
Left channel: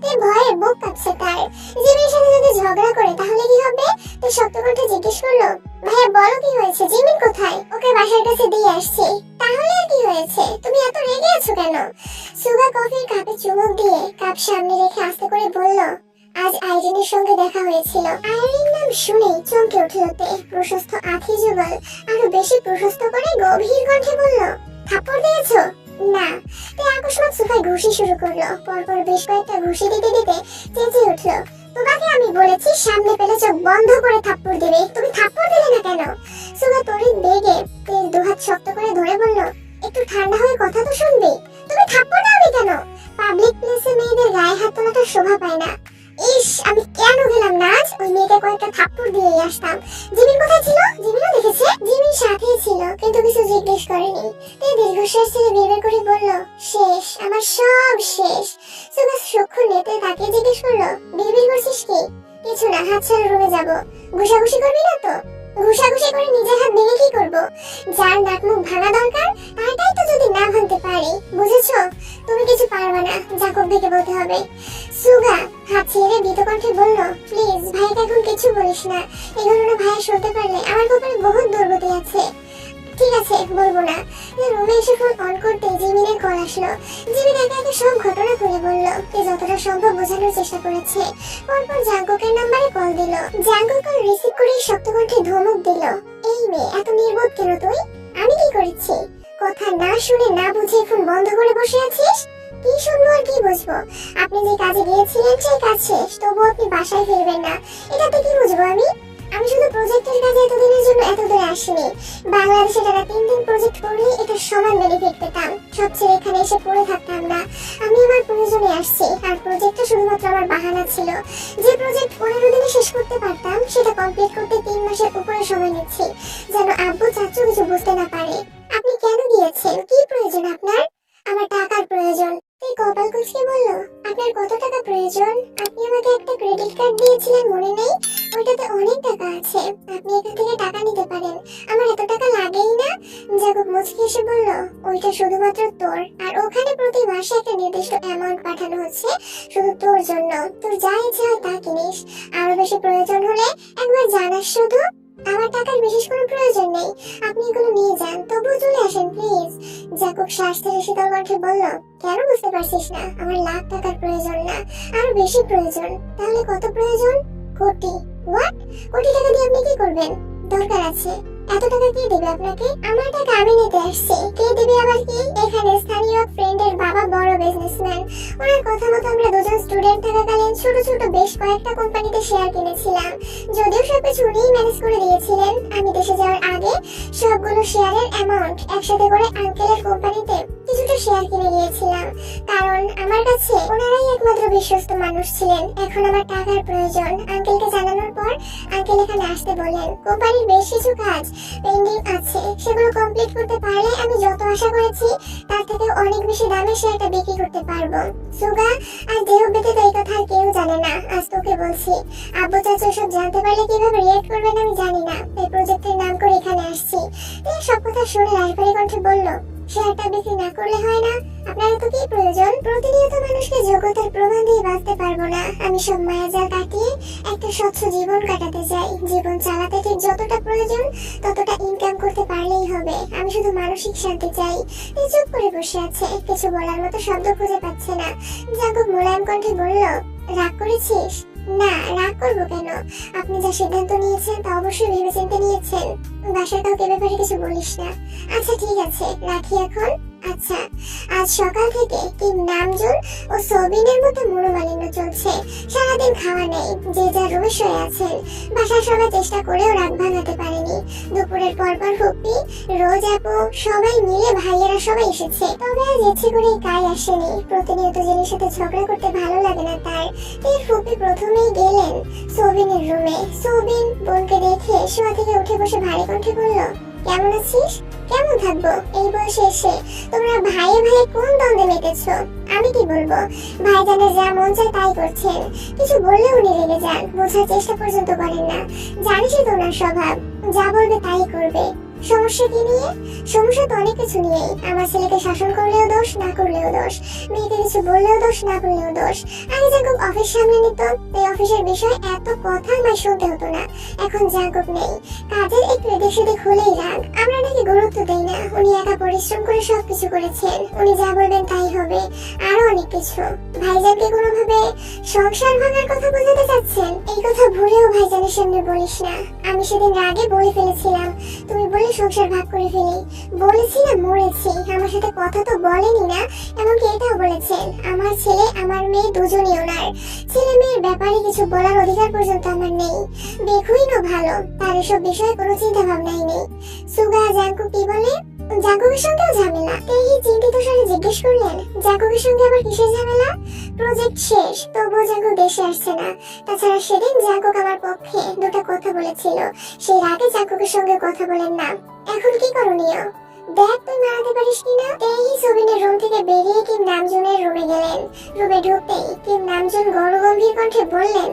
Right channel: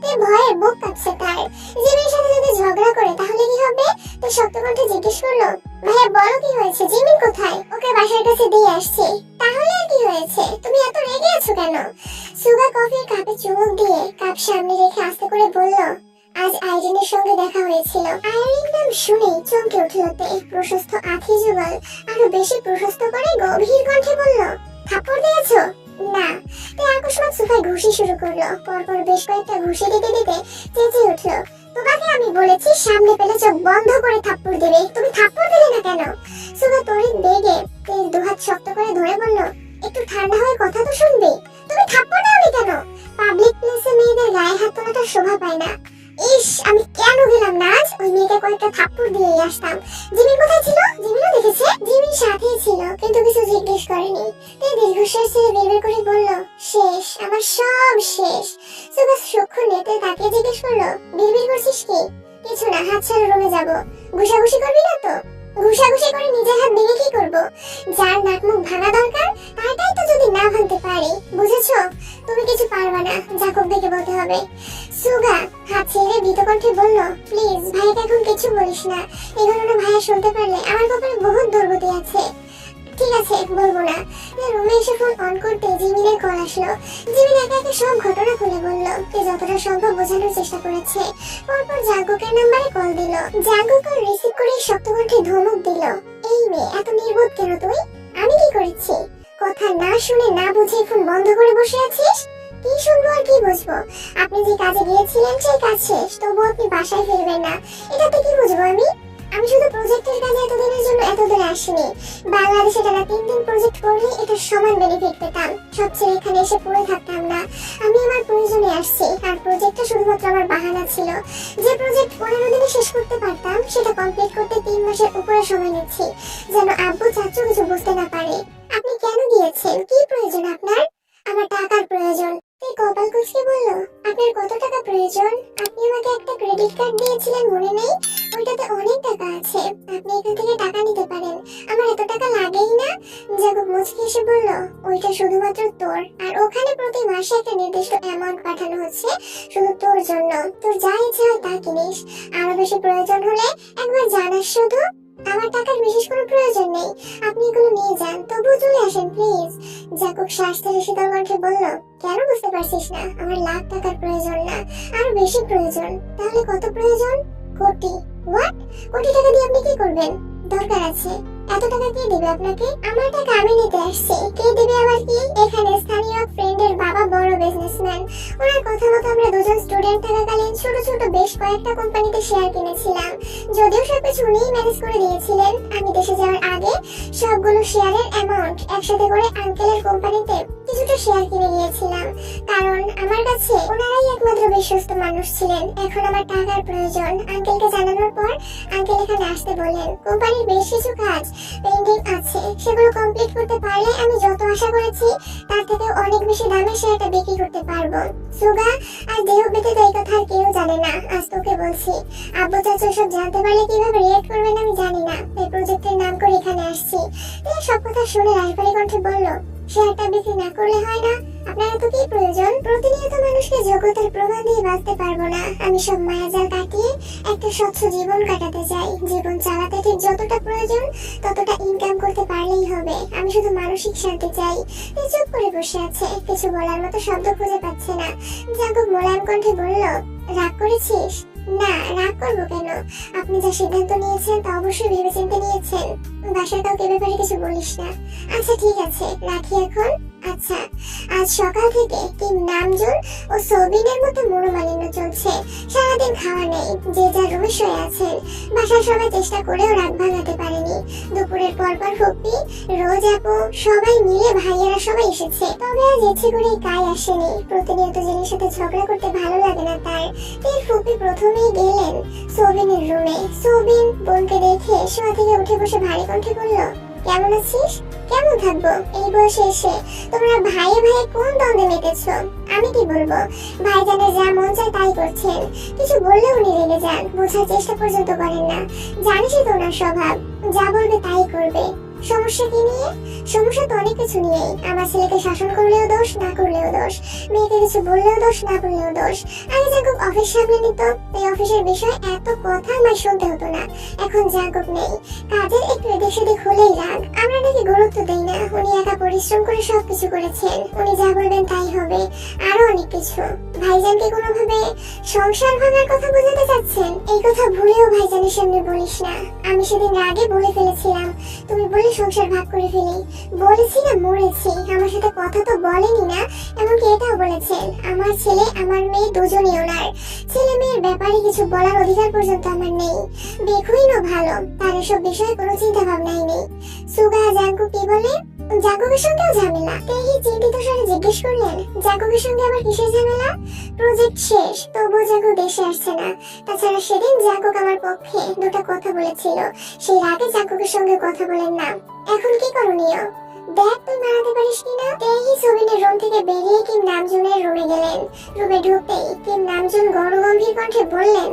তাই ভয়ে বুক কাঁপছে তার। জিমিনের সাথে যদি ঝগড়া করে তাহলে কি হবে? তো শক্ত কণ্ঠে জিজ্ঞেস করলো, ভাইয়া বলো কি হয়েছে, জিমিন কোথায়? ওকে বাসার কাছে দিয়ে আসছি। তাহলে আর কি হয়েছে, তুমি এত রেগে আছো কেন? সুগা কফির কাপে চুমুক দিয়ে কাপ সামনে রেখে আস্তে করে বলল, আজ আইরিনের সঙ্গে দেখা হয়েছিল। আইরিন নাম শুনেই চমকে উঠল তে। প্রশস্ত আঁখি যুগল আরো বেশি প্রশস্ত করে গভীর কণ্ঠে বলল, থাপ্পড় দিয়েছো? না। তে আকস্মাত সোফায় ঘুষি শুরু করলো। পরপর বেশ কয়েকটা ঘুষি দিতে দিতে চেঁচিয়ে উঠলো, তোমাকে আমি বলেছি সামনে পেলে চোখ বন্ধ করে থাপ্পড় দেবে, তুমি থাপ্পড় দিলে না কেন? সুগা তড়িৎ বেগে তের দুহাত শক্ত করে ধরে বলল, একটু ঠান্ডা হয়ে কথা তো শুনবি, তুমি থাপ্পড় দাওনি কেন? পাবলিক প্লেসে মেয়েদের গায়ে হাত তোলাটা কথা শোভা পায় না। ইস, আমি কেন গেলাম না আজ? ওই মেয়েকে কয়েকটা থাপ্পড় দিয়ে আসতাম। জিমিন কোথায় ছিল? জিমিনও দেখেছে? জিমিন সাথেই ছিল, কিন্তু কিছু জিজ্ঞেস করেনি। তে দীর্ঘশ্বাস ছেড়ে বিড়বিড় করে বলল, শেষ, আমার সব শেষ। সুগা সূক্ষ্ম নেতে তাকে জিজ্ঞেস করলো, বিড়বিড় করছিস কি? কিছু না, হাত ছাড়া রুমে যাবো। ঘুষাঘুষি করবি না তো? ঘুষাঘুষি করে নিজের হাত ভেঙে কি করব? যার নাক মুখ ভাঙা দরকার তারটাই তো যদি না ভাঙতে পারি, বুঝেছো? তুমি কিছু পারবা না, জাকব ভাইকে বলতে হবে। সুগা হাত ছেড়ে ভীত কণ্ঠে বলল, প্লিজ ভাইকে এখন কিছু বলিস না। এই ঘটনা ভাইয়া শুনতে পারলে আমার কপালে বহুত দুর্গতি আছে। ঠিক আছে, বলবো না। রুমে এসে ফোন অন করতে জিমিনের কল আসলো। জিমিন একে একে সব ঘটনা খুলে বলল। যতটা সম্ভব বোঝানোর চেষ্টা করেছে। পরপর জাঙ্কুকের নাম্বারে কল দিল। জাঙ্কুক কল রিসিভ করে শক্ত কণ্ঠে ধমক দিল, এই মেয়ে, এত নির্বোধ কেন তুই? আমি কি করেছি? কথা না শুনে না বুঝে ফোন বন্ধ করে বসে আছিস? কি শুনবো আর কি বুঝবো? আপনি যে কাজে গিয়েছিলেন সেই কাজ শেষ, তবুও আপনি বাসায় ফিরবেন না, এটাতে কি বুঝবো আমি? আমি শুধু প্রজেক্টের কাজে এতদিনের জন্য এত দূরে আসিনি। বাংলাদেশে টানা 3 দিন প্রজেক্ট করলে এটা সমান বেনিফিট পেতাম। সব ছেড়ে এখানে এসে পড়ে থাকতাম না। আমি আমার প্রয়োজনে আসছি, আর প্রজেক্টটা শুধুমাত্র আমার বাহানা ছিল। যে প্রজেক্ট 15 দিনে শেষ করতে পারতাম, সেটা কমপ্লিট করতে 3 মাসের উপরে সময় নিচ্ছি, যেন আব্বু চাচু কিছু বুঝতে না পারে। আপনি কেন গিয়েছেন? কি প্রয়োজন আপনার? আমার টাকার প্রয়োজন। তুই কপাল কুঁচকে বলল, আপনার কত টাকা প্রয়োজন? আপনি আমাকে একটা ক্রেডিট কার্ড দিয়েছিলেন, মনে নেই? ওইটাতে অনেক টাকা আছে, আপনি এখান থেকে টাকা নিতে পারেন। আমার এত টাকা লাগেই না। জাগুব মুচকি এসে বলল, ওইটা শুধুমাত্র তোর, আর ওখানে প্রতি মাসে একটা নির্দিষ্ট অ্যামাউন্ট পাঠানো হচ্ছে শুধু তোর জন্য। তোর যা ইচ্ছে হয় তা কিনিস। আরো বেশি প্রয়োজন হলে একবার জানাস শুধু। আমার টাকার বিশেষ কোনো প্রয়োজন নেই, আপনি এগুলো নিয়ে যান, তবুও চলে আসেন প্লিজ। জাকুব শ্বাস ছেড়ে শীতল কণ্ঠে বলল, কেন বুঝতে পারছিস না? আমার লাখ টাকার প্রয়োজন না, আরো বেশি প্রয়োজন। তাহলে কত প্রয়োজন? কোটি। হোয়াট? কোটি টাকা দিয়ে আপনি কি করবেন? দরকার আছে। এত টাকা কে দেবে আপনাকে? আমার টাকা আমি নিতে আসছি, কে দেবে আবার কি? এখানে স্থানীয় এক ফ্রেন্ডের বাবা বড় বিজনেসম্যান। ওনার কথা মতো আমরা দুজন স্টুডেন্ট থাকাকালীন ছোট ছোট বেশ কয়েকটা কোম্পানিতে শেয়ার কিনেছিলাম। যদিও সবকিছু উনিই ম্যানেজ করে দিয়েছিলেন। আমি দেশে যাওয়ার আগে সবগুলো শেয়ারের অ্যামাউন্ট একসাথে করে আঙ্কেলের কোম্পানিতে কিছুটা শেয়ার কিনে গিয়েছিলাম, কারণ আমার কাছে ওনারাই একমাত্র বিশ্বস্ত মানুষ ছিলেন। এখন আমার টাকার প্রয়োজন। আঙ্কেলকে জানানোর পর আঙ্কেল এখানে আসতে বললেন। কোম্পানির বেশ কিছু কাজ পেন্ডিং আছে, সেগুলো কমপ্লিট করতে পারলে আমি যত আশা করেছি তার থেকে অনেক বেশি দামে সেটা বিক্রি করতে পারবো। সুগা আর দেহ ব্যতীত এই কথা আর কেউ জানে না, আজ তোকে বলছি। আব্বু চাচু সব জানতে পারলে কিভাবে রিয়েক্ট করবেন আমি জানি না। এই প্রজেক্টের নাম করে এখানে আসছি। সব কথা শুনে রাজবাড়ি কণ্ঠে বলল, শেয়ারটা বিক্রি না করলে হয় না? আপনার তো কি প্রয়োজন? প্রতিনিয়ত মানুষকে যোগ্যতার প্রমাণ দিয়ে বাঁচতে পারবো না। আমি সব মায়াজাল কাটিয়ে একটা স্বচ্ছ জীবন কাটাতে চাই। জীবন চালাতে ঠিক যতটা প্রয়োজন ততটা ইনকাম করতে পারলেই হবে। আমি শুধু মানসিক শান্তি চাই। চুপ করে বসে আছে, কিছু বলার মতো শব্দ খুঁজে পাচ্ছে না। জাগুব মোলায়েম কণ্ঠে বলল, রাগ করেছিস? না, রাগ করবো কেন? আপনি যা সিদ্ধান্ত নিয়েছেন তা অবশ্যই ভেবেচিন্তে নিয়েছেন। বাসার কাউকে ব্যাপারে কিছু বলিস না। আচ্ছা ঠিক আছে, রাখি এখন। আচ্ছা, আজ সকাল থেকে টিম নামজুল ও সবিনের মতো মনোমালিন্য চলছে। সারাদিন খাওয়া নেই, যে যার রুমে শুয়ে আছেন। বাসার সবাই চেষ্টা করেও রাগ ভাঙাতে পারেনি। দুপুরের পরপর ফুপি, রোজ আপু সবাই মিলে ভাইয়েরা সবাই এসেছে। তবে আজ ইচ্ছে করে কাই আসেনি। প্রতিনিয়ত জেনের সাথে ঝগড়া করতে ভালো লাগে না তার। ফুপি প্রথমেই গেলেন সবিনের রুমে। সবিন বোনকে দেখে শোয়া থেকে উঠে বসে ভারী কণ্ঠে বলল, কেমন আছিস? কেমন থাকবো এই বয়সে এসে? তোমরা ভাইয়ে ভাইয়ে কোন দ্বন্দ্বে মেতেছ? আমি কি বলবো? ভাইজানের যা মন চায় তাই করছেন। কিছু বললে উনি রেগে যান, বোঝার চেষ্টা পর্যন্ত করেন না। জানিসই তো ওনার স্বভাব, যা বলবে তাই করবে। সমস্যা কি নিয়ে? সমস্যা তো অনেক কিছু নিয়ে। আমার ছেলেকে শাসন করলেও দোষ, না করলেও দোষ। মেয়েকে কিছু বললেও দোষ, না বললেও দোষ। আগে জাঙ্কুক অফিস সামলে নিত, তাই অফিসের বিষয়ে এত কথা আমায় শুনতে হতো না। এখন জাঙ্কুক নেই, কাজের একটু এদিক সেদিক হলেই রাগ। আমরা নাকি গুরুত্ব দেই না। উনি একা পরিশ্রম করে সবকিছু করেছেন। উনি যা বলবেন তাই হবে। আরো অনেক কিছু। ভাইজানকে কোনোভাবে সংসার ভাঙার কথা বোঝাতে চাচ্ছেন? এই কথা ভুলেও ভাইজানের সামনে বলিস না। আমি সেদিন রাগে বলে ফেলেছিলাম, তুমি বলে সংসার ভাগ করে ফেলি। বলেছি না মরেছি। আমার সাথে কথা তো বলেনি না, এমনকি এটাও বলেছেন আমার ছেলে আমার মেয়ে দুজনই ওনার। ছেলে মেয়ের ব্যাপারে কিছু বলার অধিকার পর্যন্ত আমার নেই। দেখুই না ভালো, তার এসব বিষয়ে কোনো চিন্তা ভাবনাই নেই। সুগা জাঙ্কু কি বলে? জাঙ্কুকের সঙ্গেও ঝামেলা? তেহি চিন্তিত স্বরে জিজ্ঞেস করলেন, জাঙ্কুকের সঙ্গে আবার কিসের ঝামেলা? প্রজেক্ট শেষ, তবুও জাঙ্কুক দেশে আসছে না। তাছাড়া সেদিন জাঙ্কুক আমার পক্ষে দুটো কথা বলেছিল, সেই রাগে জাঙ্কুকের সঙ্গে কথা বলেন না। এখন কি করণীয়? দেখ তুই মানাতে পারিস কিনা। তেহি সোবিনের রুম থেকে বেরিয়ে কিম নামজুনের রুমে গেলেন। রুমে ঢুকতেই কিম নামজুন গম্ভীর কণ্ঠে বললেন,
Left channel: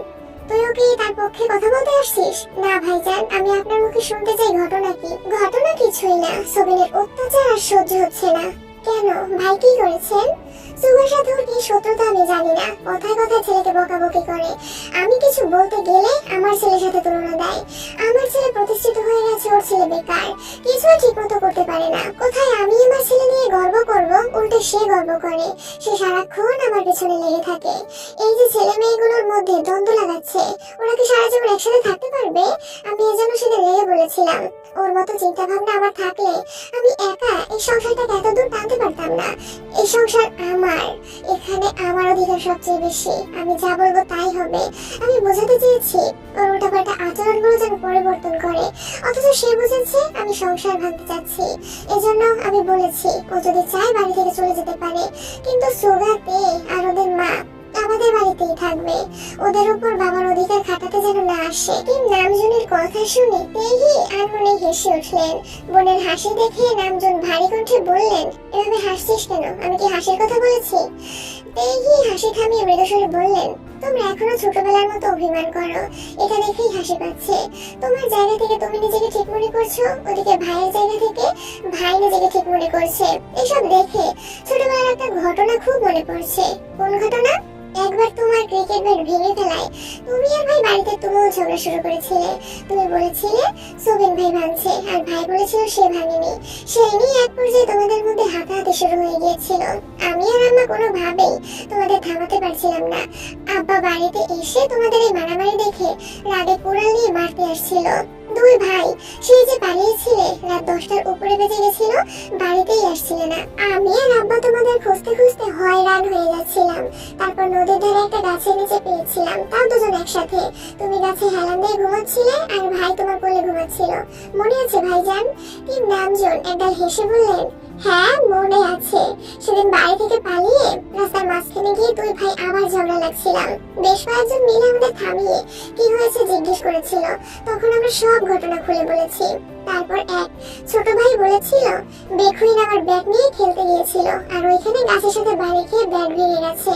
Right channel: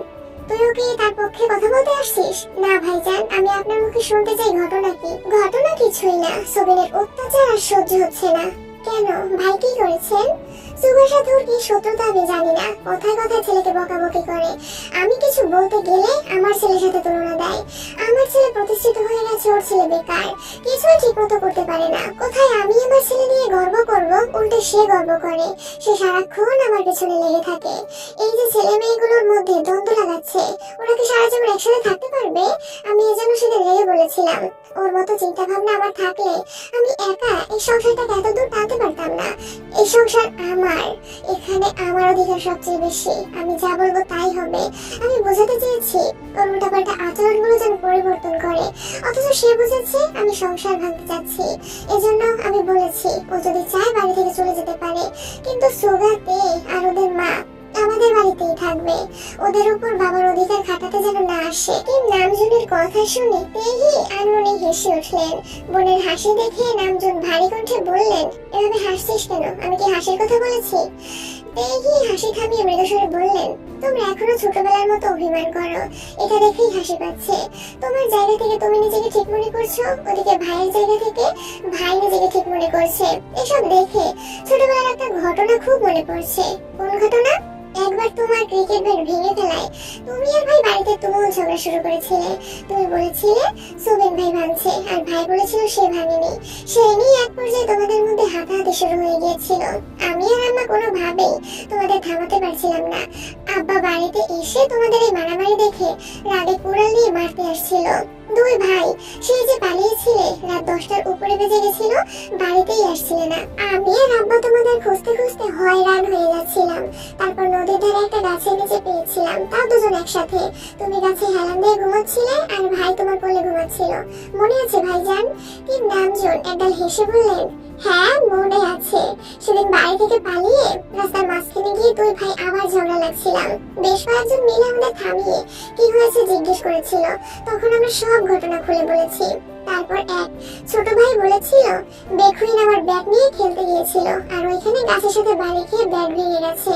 তুইও কি তার পক্ষে কথা বলতে আসছিস? না ভাইজান, আমি আপনার মুখে শুনতে চাই ঘটনা কি। ঘটনা কিছুই না, সোবিনের অত্যাচার আর সহ্য হচ্ছে না। কেন ভাই, কি করেছেন? সুগার সাথে ওর কি শত্রুতা আমি জানি না, কথায় কথায় ছেলেকে বকাবকি করে। আমি কিছু বলতে গেলে আমার ছেলের সাথে তুলনা দেয়। আমার ছেলে প্রতিষ্ঠিত হয়ে গেছে, ওর ছেলে বেকার, কিছুই ঠিক মতো করতে পারে না। কোথায় আমি আমার ছেলে নিয়ে গর্ব করব, উল্টে সে গর্ব করে। সে সারাক্ষণ আমার পেছনে লেগে থাকে। এই যে ছেলে মেয়েগুলোর মধ্যে দ্বন্দ্ব লাগাচ্ছে, ওরা কি সারা জীবন একসাথে থাকতে পারবে? আমি এজন্য সেদিন রেগে বলেছিলাম, ওর মতো চিন্তা ভাবনা আমার থাকলে আমি একা এই সংসারটাকে এত দূর টানতে পারতাম না। এই সংসার আমার, এখানে আমার অধিকার সবচেয়ে বেশি। আমি যা বলবো তাই হবে। আমি বোঝাতে চেয়েছি ওর উল্টাপাল্টা আচরণগুলো যেন পরিবর্তন করে, অথচ সে বুঝেছে আমি সংসার ভাঙতে চাচ্ছি। এজন্য আমি বলেছি ও যদি চায় বাড়ি থেকে চলে যেতে পারে, কিন্তু সুগাতে আর ওদের মা আমাদের বাড়িতেই থাকবে। ওদের উপর বাবার অধিকার খাটাতে যেন না আসে। কিম নামজুনের কথা শুনে তেহি আনমনে হেসে উঠলেন। বোনের হাসি দেখে নামজুন ভারী কণ্ঠে বললেন, এভাবে হাসছিস কেন? আমি কি হাসির কথা বলেছি? তেহি হাসি থামিয়ে মৃদুস্বরে বললেন, তোমরা এখনো ছোটবেলার মতো অভিমান করো, এটা দেখেই হাসি পাচ্ছে। তোমার জায়গা থেকে তুমি নিজেকে ঠিক মনে করছো, ওদিকে ভাইয়ের জায়গা থেকে ভাই নিজেকে ঠিক মনে করছে। এসব দেখে ছোটবেলার একটা ঘটনা খুব মনে পড়ছে। কোন ঘটনা? একবার তোমার ক্রিকেট ব্যাট ভেঙে ফেলায় তুমি আর ভাই বাড়িতে তুমুল ঝগড়া শুরু করেছিলে। তুমি বলেছিলে সোবিন ভাই ভাঙছে, আর ভাই বলেছিল সে ভাঙেনি। সেই নিয়ে এক পর্যায়ে তোমাদের মধ্যে হাতাহাতি শুরু হয়ে গিয়েছিল। আমি আর আম্মা কোনোভাবেই তোমাদের থামাতে পারছিলাম না। আব্বা বাড়িতে এসে তোমাদের এই মারামারি দেখে রাগে কুড়াল নিয়ে মারতে আসছিল। দুই ভাই সেই যে পালিয়েছিলে, রাত 10টার উপরে বেজে গেছিল, বাড়িতেই আসছিলে না। আমি আর আব্বা তোমাদের খুঁজতে খুঁজতে হয়রান হয়ে যাচ্ছিলাম। তারপর নদীর ধারে একটা গাছের নিচে পেয়েছিলাম, তাও দুজন একসাথে। তুমি গাছে হেলান দিয়ে ঘুমাচ্ছিলে আর ভাই তোমার কোলে ঘুমাচ্ছিল। মনে আছে ভাইজান? কিম নামজুন একগাল হেসে বললেন, হ্যাঁ মনে আছে। সেদিন বাড়ি থেকে পালিয়ে রাস্তার মাঝখানে গিয়ে দুই ভাই আবার ঝগড়া লাগছিলাম। বেশ কয়েকজন মিলে আমাদের থামিয়ে কি হয়েছে জিজ্ঞেস করেছিল। তখন আমরা সব ঘটনা খুলে বলেছি। তারপর এক ছোট ভাই বলেছিল বেকুইন আমার ব্যাট নিয়ে খেলতে গিয়েছিল, আর ওইখানে গাছের সাথে বাড়ি খেয়ে ব্যাট ভেঙে গেছে।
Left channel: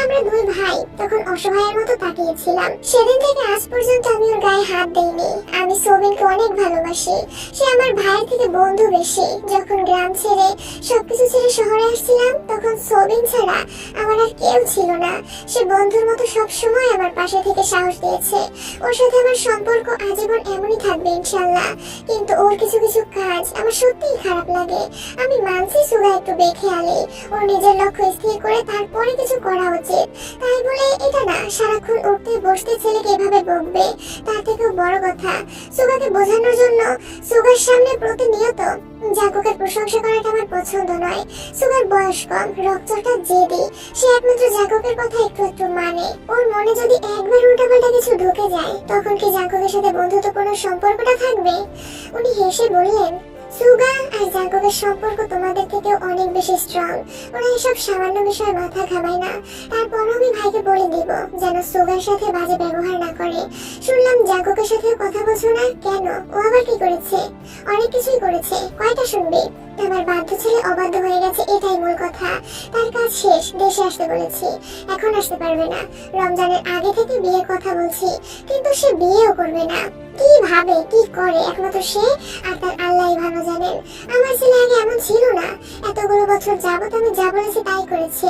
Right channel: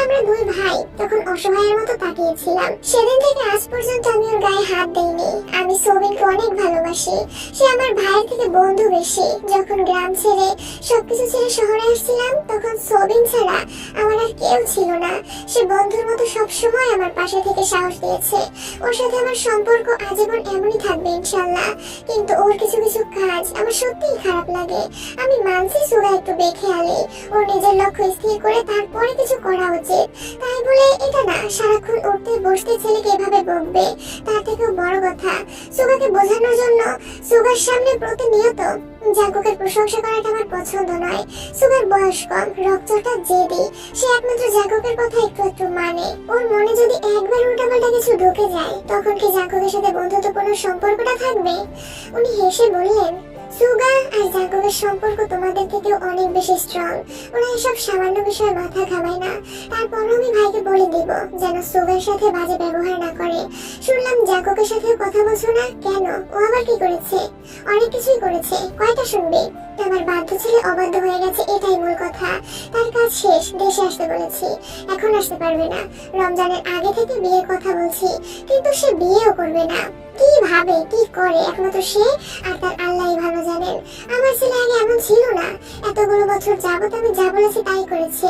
আমরা দুই ভাই তখন অসহায়ের মতো তাকিয়েছিলাম। সেদিন থেকে আজ পর্যন্ত আমি ওর গায়ে হাত দেইনি। আমি সোবিনকে অনেক ভালোবাসি, সে আমার ভাইয়ের থেকে বন্ধু বেশি। যখন গ্রাম ছেড়ে সবকিছু ছেড়ে শহরে আসছিলাম, তখন সোবিন ছাড়া আমার আর কেউ ছিল না। সে বন্ধুর মতো সব সময় আমার পাশে থেকে সাহস দিয়েছে। ওর সাথে আমার সম্পর্ক আজীবন এমনই থাকবে ইনশাআল্লাহ। কিন্তু ওর কিছু কিছু কাজ আমার সত্যিই খারাপ লাগে। আমি মানছি সুগা একটু বেখেয়ালি, ওর নিজের লক্ষ্য স্থির করে তারপরে কিছু করা উচিত। তাই বলে এটা না সারাক্ষণ উঠতে বসতে ছেলেকে এভাবে বকবে। তার থেকেও বড় কথা, সুগাকে বোঝানোর জন্য সুগার সামনে প্রতিনিয়ত জাঙ্কুকের প্রশংসা করাটা আমার পছন্দ নয়। সুগার বয়স কম, রক্তটা জেদি, সে একমাত্র জাঙ্কুকের কথা একটু একটু মানে। ওর মনে যদি একবার উল্টাপাল্টা কিছু ঢুকে যায়, তখন কি জাঙ্কুকের সাথে বন্ধুত্বপূর্ণ সম্পর্কটা থাকবে? উনি হেসে বললেন, সুগা আর জাঙ্কুকের সম্পর্ক তোমাদের থেকে অনেক বেশি স্ট্রং। ওরা এসব সামান্য বিষয়ে মাথা ঘামায় না। তারপরও আমি ভাইকে বলে দিব যেন সুগার সাথে বাজে ব্যবহার না করে। শুনলাম জাঙ্কুকের সাথে কথা বলছো না কেন? ও আবার কি করেছে? অনেক কিছুই করেছে, কয়টা শুনবে? আমার বাধ্য ছেলে অবাধ্য হয়ে গেছে, এটাই মূল কথা। তার কাজ শেষ, দেশে আসতে বলেছি, এখন আসতে পারবে না। রমজানের আগে থেকে বিয়ের কথা বলছি, কিন্তু সে বিয়েও করবে না। কি ভাবে কি করে একমাত্র সে আর তার আল্লাহই ভালো জানেন। আমার ছেলে আগে এমন ছিল না। এতগুলো বছর যাবত আমি যা বলেছি তাই করেছে।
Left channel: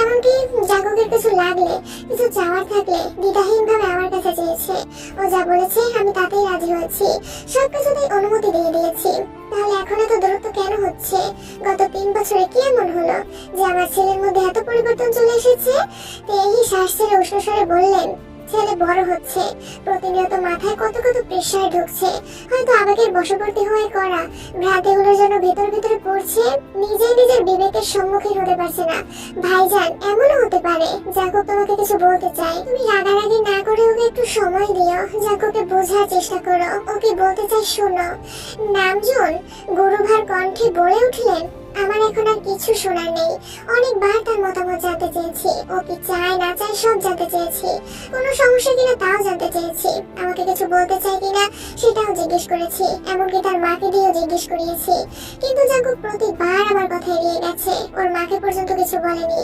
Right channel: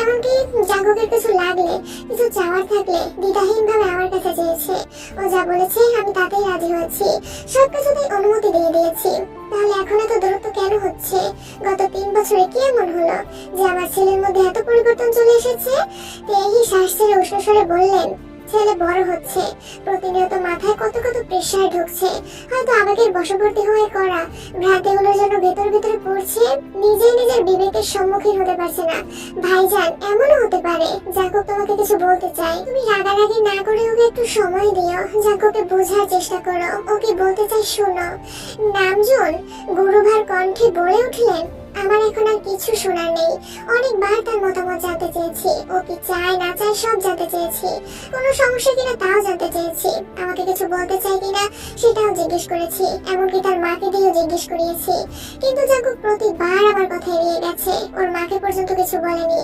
এমনকি জাঙ্কুকের কিছু লাগলে, কিছু চাওয়ার থাকলে দ্বিধাহীন ভাবে আমার কাছে চেয়েছে। ও যা বলেছে আমি তাতেই রাজি হয়েছি, সবকিছুতেই অনুমতি দিয়ে দিয়েছি। তাহলে এখন এত দূরত্ব কেন হচ্ছে? গত 3 বছরে কি এমন হলো যে আমার ছেলের মধ্যে এত পরিবর্তন চলে এসেছে? তেহি শ্বাস ছেড়ে উষ্ণ স্বরে বললেন, ছেলে বড় হচ্ছে, প্রতিনিয়ত মাথায় কত কত প্রেশার ঢুকছে, হয়তো আবেগের বশবর্তী হয়ে করা ভ্রান্তিগুলোর জন্য ভেতর ভেতরে পড়ছে, নিজেই নিজের বিবেকের সম্মুখীন হতে পারছে না। ভাইজান, এমনও হতে পারে জাঙ্কুক তোমাকে কিছু বলতে চাই, তুমি রাগারাগি না করে ওকে একটু সময় দিও, জাঙ্কুককে বোঝার চেষ্টা করো, ওকে বলতে চাই শোনো। নামজুন গুরুভার কণ্ঠে বলে উঠলেন, আমার এখন আর কিছু শোনার নেই। অনেকবার তার মতামত জানতে চেয়েছি, ও কি চায় না চায় সব জানতে চেয়েছি, কোনো সমস্যা কিনা তাও জানতে চেয়েছি, আমাকে কিছু বলতে চাই কিনা সেটাও জিজ্ঞেস করেছি, এমনকি তার মাকে দিয়েও জিজ্ঞেস করিয়েছি। কিন্তু জাঙ্কুক প্রতিবার আমার কথা এড়িয়ে গেছে, ওর মাকে পর্যন্ত কিছু বলেনি।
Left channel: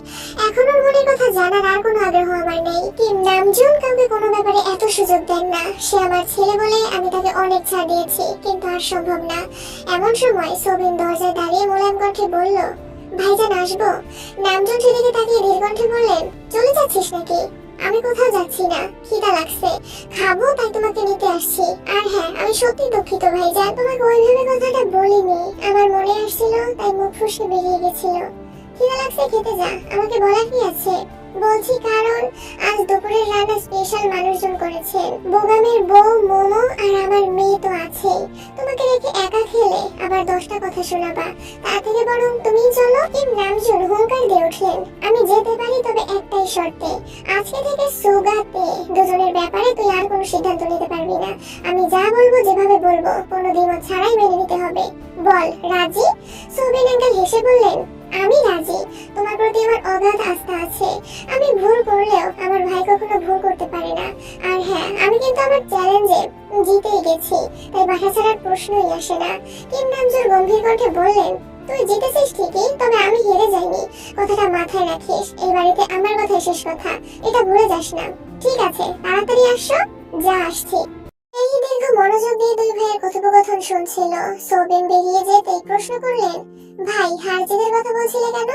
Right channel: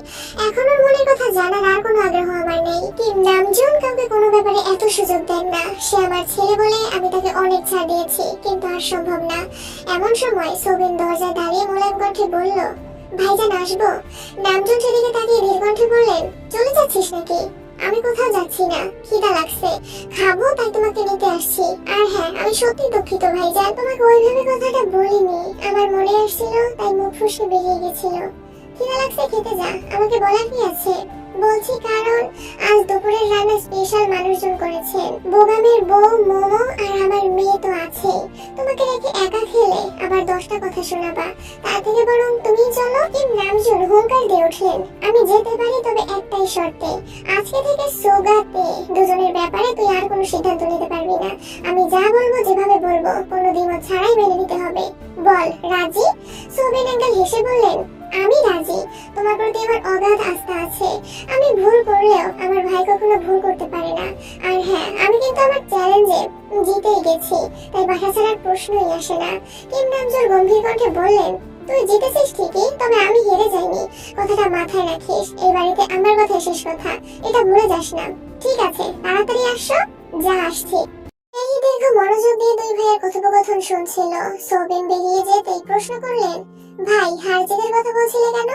এখন ওর মনের কথা জানার আর কোনো আগ্রহ আমার নেই। কি নামজুন কাউকে কোনো ব্যাপারে এত সুযোগ দেন না, সে আমার ছেলে বলে আমি তাকে অনেক ছাড় দিয়েছি, কিন্তু আর সম্ভব না। এমন সময় সোবিন দরজায় দাঁড়িয়ে মোলায়েম কণ্ঠে বলল, ভাইজান আসবো? নামজুন সেদিকে তাকিয়ে ধীর কণ্ঠে বললেন, চলে যাচ্ছিস নাকি? আমি কোথাও যাচ্ছি না, খিদা লাগছে, খাবো তাই তোমাকে নিতে আসছি। আর হ্যাঁ, আমি সত্যি দুঃখিত ভাইজান, তোমাকে ওইভাবে কথাটা বলিনি, আমার মনে আসছিল তাই মুখ ফসকে বেরিয়ে গেছিল। খিদা লাগছে, খেতে যা, আমাকে বলার কি আছে? বলছি কারণ আজ দুপুরের রান্না স্পেশাল মানুষজন করেছেন, বোগামের বউ মোমো আর আমার মেয়ে তো আছেই, তোমাকে রেখে একা খেলে আবার 10টা কথা শোনাবা, তার থেকে বরং তুমিই চলো। কিম নামজুন হুঙ্কার দিয়ে উঠলেন, আমি যেতে পারি, তবে একটাই শর্তে, আজকে থেকে সুগাতে দুজনের ব্যাপারে তুই আর কোনো সিদ্ধান্ত নিতে পারবি না, আমি যা বলবো যেভাবে বলবো কোনো দ্বিমত ছাড়াই মেনে নিতে হবে। বল, রাজি? সোবিন আঙ্কেল হেসে বললেন, আমি রাজি, তোমার প্রতি আমার অগাধ আস্থা আছে, আমি ভুল করলেও আমার ভাই কখনো ভুল করতে পারে না। আর হ্যাঁ, আমি কিন্তু আমার চ্যালেঞ্জে জিতেই গেছি, তাই বাসা ছাড়ার প্রশ্নই আসে না। কিম নামজুর গম্ভীর কণ্ঠে বললেন, তুই জিতেছিস ঠিকই, তবে আমি হেরে যাইনি, কথাটা মাথায় রাখিস, এই বাড়িতে আমার কথাই শেষ কথা, এটা ভুলে যাস না। ঠিক আছে, তাড়াতাড়ি আসো। যা, আসছি। এই দীর্ঘ মনোযোগ দিয়ে দুই ভাইয়ের কথোপকথন শুনছিল। সোবিন বেরিয়ে যেতেই প্রশ্ন করলেন, ভাই হারজিতের কথা বলছিলে কেন?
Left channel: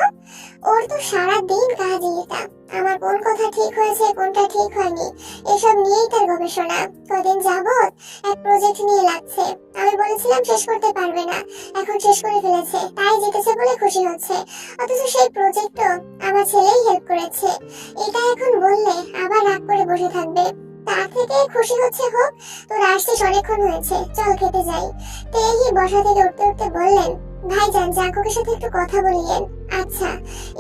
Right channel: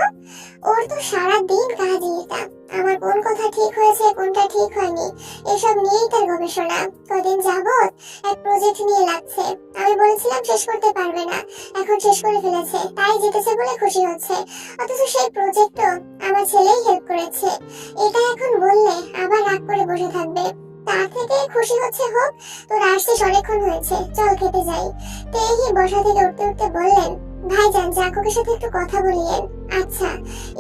ওর তো সারা দিন কাজই এটা, আমার কোন কথা ঠিক হয়েছে কোনটা ঠিক হয়নি এসব নিয়েই তার গবেষণা। কদিন যাবত এক প্রজেক্ট নিয়ে লাগছে, আমি বলেছিলাম শেষ করতে পারবে না, এখন শেষ করে ফেলেছে, তাই জিতেছে বলে খুশি হচ্ছে, অথচ সেই প্রজেক্টও আমার ছেলেই হেল্প করেছে। এটা এখন বললে আবার রাগ করে বসে থাকবে, তার থেকে খুশি হচ্ছে হোক। তোর আসছিস অনেকক্ষণ হয়েছে, চল খেতে যাই। তেহি বসা থেকে উঠতে উঠতে বললেন, ভাইজান জাঙ্কুকের সাথে একটু কথা বলিয়েন। আচ্ছা।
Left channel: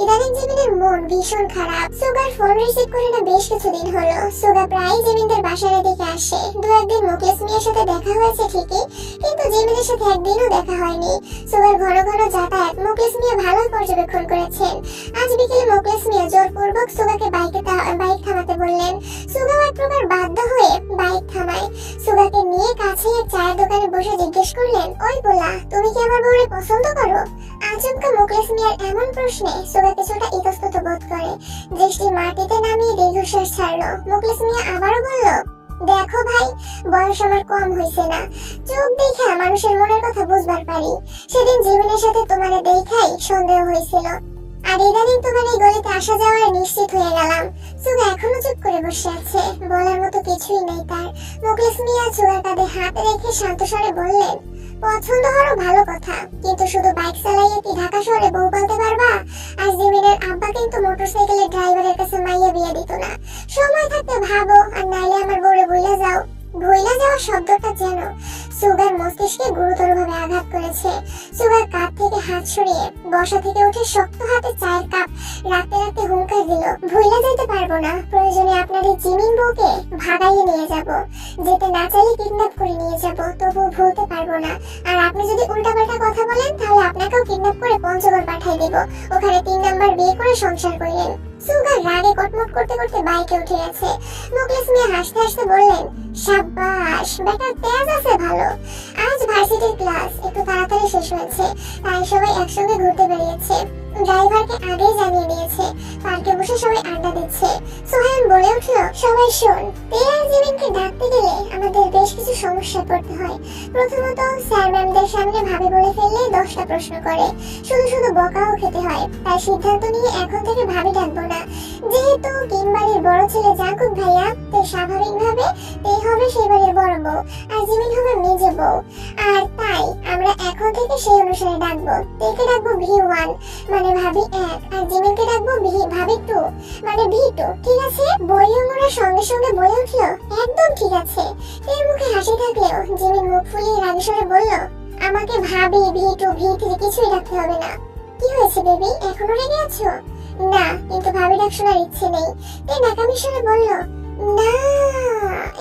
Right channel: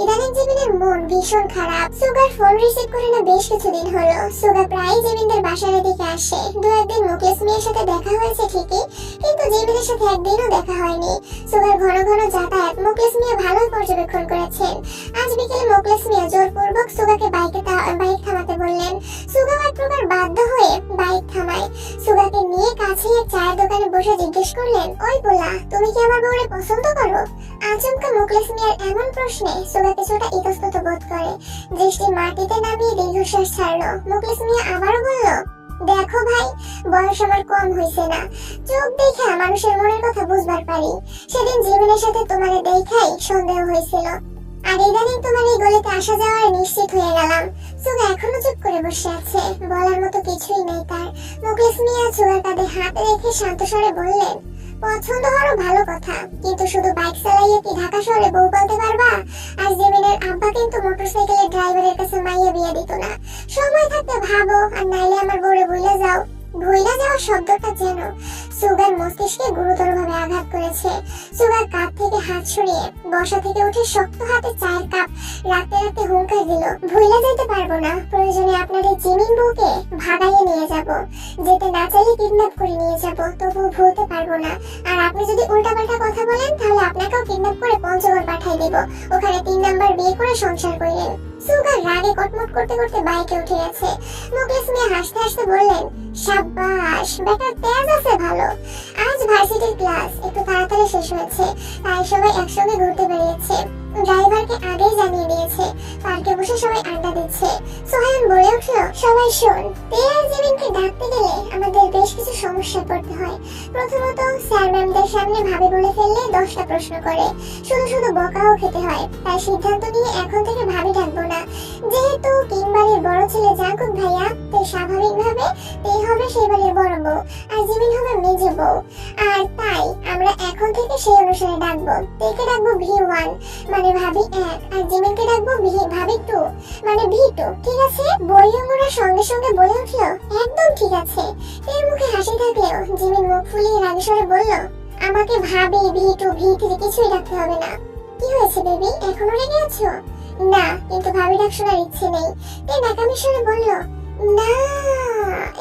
ইদানিং জিমিনের মন ভীষণ খারাপ, সুগার ফোন রিসিভ করে না বেশ কিছুদিন হলো। সুগা প্রায় জিমিনদের বাসার দিকে আসে, দু একদিন মুকেশ মিয়ার সাথে দেখা হয়েছে ঠিকই, কিন্তু জিমিনের সাথে একদিনও দেখা হয়নি। সুগার ঘন ঘন যাতায়াত মুকেশ মিয়া ভালোই পর্যবেক্ষণ করেছেন। আজ বিকেলে মুকেশ মিয়া জোরপূর্বক সুগাকে বাইক থামাতে বললেন। সুগাও এক প্রকার বাধ্য হয়ে বাইক থামায়। সুগাকে নিয়ে কাছে এক চায়ের দোকানে বসে জিজ্ঞেস করলেন, ওই পোলা, তুমি কি আমার বউরে পছন্দ করো? আচমকা মুকেশ মিয়ার এমন প্রশ্নে সুগা কিছুটা ইতস্তত বোধ করে, দৃষ্টি মাটিতে নামিয়ে দীর্ঘশ্বাস ছাড়লো। মুকেশ মিয়া আবারও বলল, দেখো ভাই, বয়স আমার কম হইছে না, চোখ দেখে মানুষের মনের কথা বুঝবার পারি। সেদিন জীবনের সাথে তোমার দেখাই সন্দেহ হয়েছিল, আর ইদানিং তোমার এই গলিতে আসা যাওয়ার নিশ্চিত হয়ে গেলাম। সুগা এখনো চুপ করে বসে আছে, বলার মতো কিছুই নেই তার। মুকেশ মিয়া সুগার কাঁধে হাত রেখে শান্ত স্বরে বললেন, পছন্দ হলো ভালো কথা, কিন্তু শুধু বাইক চালাইয়ে কি ঢাকা শহরে বউ পালতে পারবা? আর জিমিনের আব্বা কিন্তু মোটরসাইকেলের ড্রাইভারের কাছে মাইয়া বিয়ে দিত না। সময় থাকতে ভাবো, আর নাইলে আমার বউরে ভুলে যাও। ভুলে যাওয়া শব্দটা যেন সুগার মস্তিষ্কে গুরুতরভাবে আঘাত করেছে। সুগার কাঁধ থেকে হাত সরিয়ে বসা থেকে উঠে শক্ত হাতে চায়ের কাপ রাখতে রাখতে হুঙ্কার দিল, ভুলে যেতে পারবো না, প্রয়োজনে আপনার এই জিমিন বউকে ভাগাইয়ে নিয়ে যাব, যেতে না চাইলে কিডন্যাপ করে নিয়ে যাব, তবুও ভুলতে পারবো না। আর আপনি যদি উল্টাপাল্টা কথা বলেন তাহলে আপনাকেও কিডন্যাপ করে পঞ্চগড় পাঠিয়ে দিব, ওখানে 3 নাম্বার বিয়ে করে সংসার করিলেন। সুগার রাগে কটমট করতে করতে বাইকে উঠে গেছে। মুকেশ মিয়া হাসতে হাসতে বললেন, সাব্বাস, বেটার তেজ আছে ভালো। আজ ভার্সিটির ক্লাস একটু তাড়াতাড়ি শেষ হয়েছে, তাই সবাই একসঙ্গে ঘুরতে বেরিয়েছে। ড্রাইভারকে আগেই জানিয়ে দিয়েছে, পার্কে বসে সবাই আড্ডা দিচ্ছে। সোহান বলে উঠলো, সবাই শোন, তে আর জিমিনকে ডাকতে গেলে আমাদের বেশ কিছু সমস্যা পড়তে হয়। প্রথমত, স্যার ম্যামদের সামনে ভাবি বলে ফেললে 10টা প্রশ্ন করে, শুধু শুধু বকাও খেতে হয়। তাই সিদ্ধান্ত নিয়ে এখন থেকে ভাবি ডাকবো না। যেহেতু কিংবাড়ির বড় ছেলে জাঙ্কুক ভাইয়া, তাই স্বাভাবিকভাবে তে হবে সেই বাড়ির বড় বউ, আর জিমিন হবে মেজে বউ। আর তাই আমরা আমরা এখন থেকে সেই অনুসারে ডাকবো। তেকে ডাকবো V1 মানে ভাবি 1, আর জিমিনকে ডাকবো ভাবি 2 মানে V2, ঠিক আছে? বইয়মরা সঙ্গে সঙ্গে বলে উঠলো, একদম ঠিক আছে। এর মুখে হাসি থাকলেও জিমিন মুখ ফুলিয়ে রাগী স্বরে বলল, আমাকে ভাবি V2 V3 কিছুই ডাকতে হবে না। কি হয়েছে বেবি, এখনো রেগে আছো? না, কিন্তু ভাবি ডাক শোনার ইচ্ছে নেই। তে নাকামি স্বরে বলল, না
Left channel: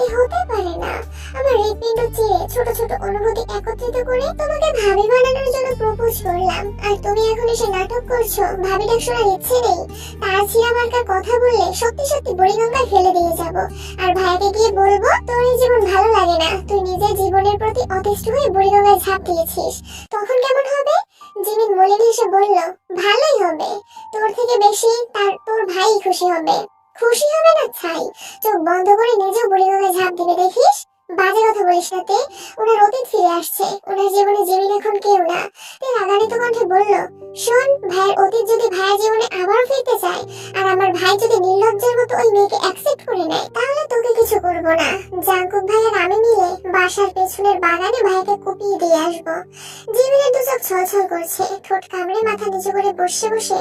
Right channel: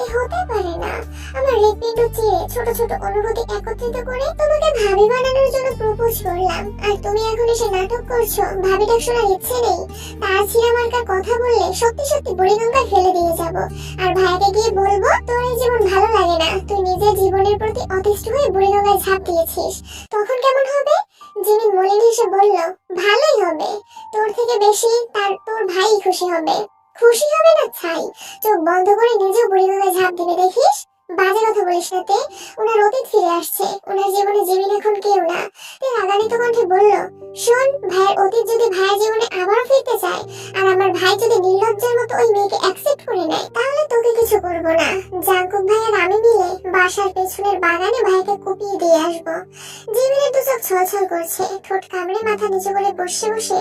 এ হতে পারে না। আমার হৃৎপিণ্ড চিরে ছোট ছোট অনুভূতি একত্রিত করে তোমাকে ভাবি বানানোর জন্য প্রপোজ করলাম, আর তুমি এখন এসে নাটক করছো ভাবি ডাক শোনার ইচ্ছে নেই। তার ছিঁড়া মার্কার কথা বললে সত্যি সত্যি বুড়িগঙ্গায় ফেলে দিয়ে যাব, আর ভাইয়াকে গিয়ে বলবো তোর এই জীবন ভালো লাগে না, তুই নিজের জীবনের প্রতি অতিষ্ঠ হয়ে বুড়িগঙ্গায় ঝাঁপ দিয়েছিস। তখন কেমন হবে? জিমিন মলিন হেসে বলল, ভালোই হবে, তোর থেকে বেশি তোর ভাই খুশি হবে। খুশি হবে না ছাই, চোখ বন্ধ করে নিজেও বুড়িগঙ্গায় ঝাঁপ দিবে দেখিস। বাজে কথা বলিস না তে, ওনার অতীত ফিরে আসছে, ওনার জীবনে জিমিন এখন কেউ না। তে রাগান্বিত কণ্ঠে বলল, শোন, ভাইয়ের অতীত যদি ভাইয়ের জীবনে আবারও ফিরতে চায়, আর আমার ভাই যদি নির্লজ্জের মতো ওই মেয়েকে অ্যাকসেপ্ট করে নেয়, তাহলে তোকে কিছু করবো না। জাঙ্কুক ভাই আর আমি মিলে বাসার পেছনের বাগানে ভাইকে কুপিয়ে দিয়ে আসবো। জিমিনের দু চোখ ছলছল করছে, ঠোঁট কামড়ে মাথা নিচু করে বসে বসে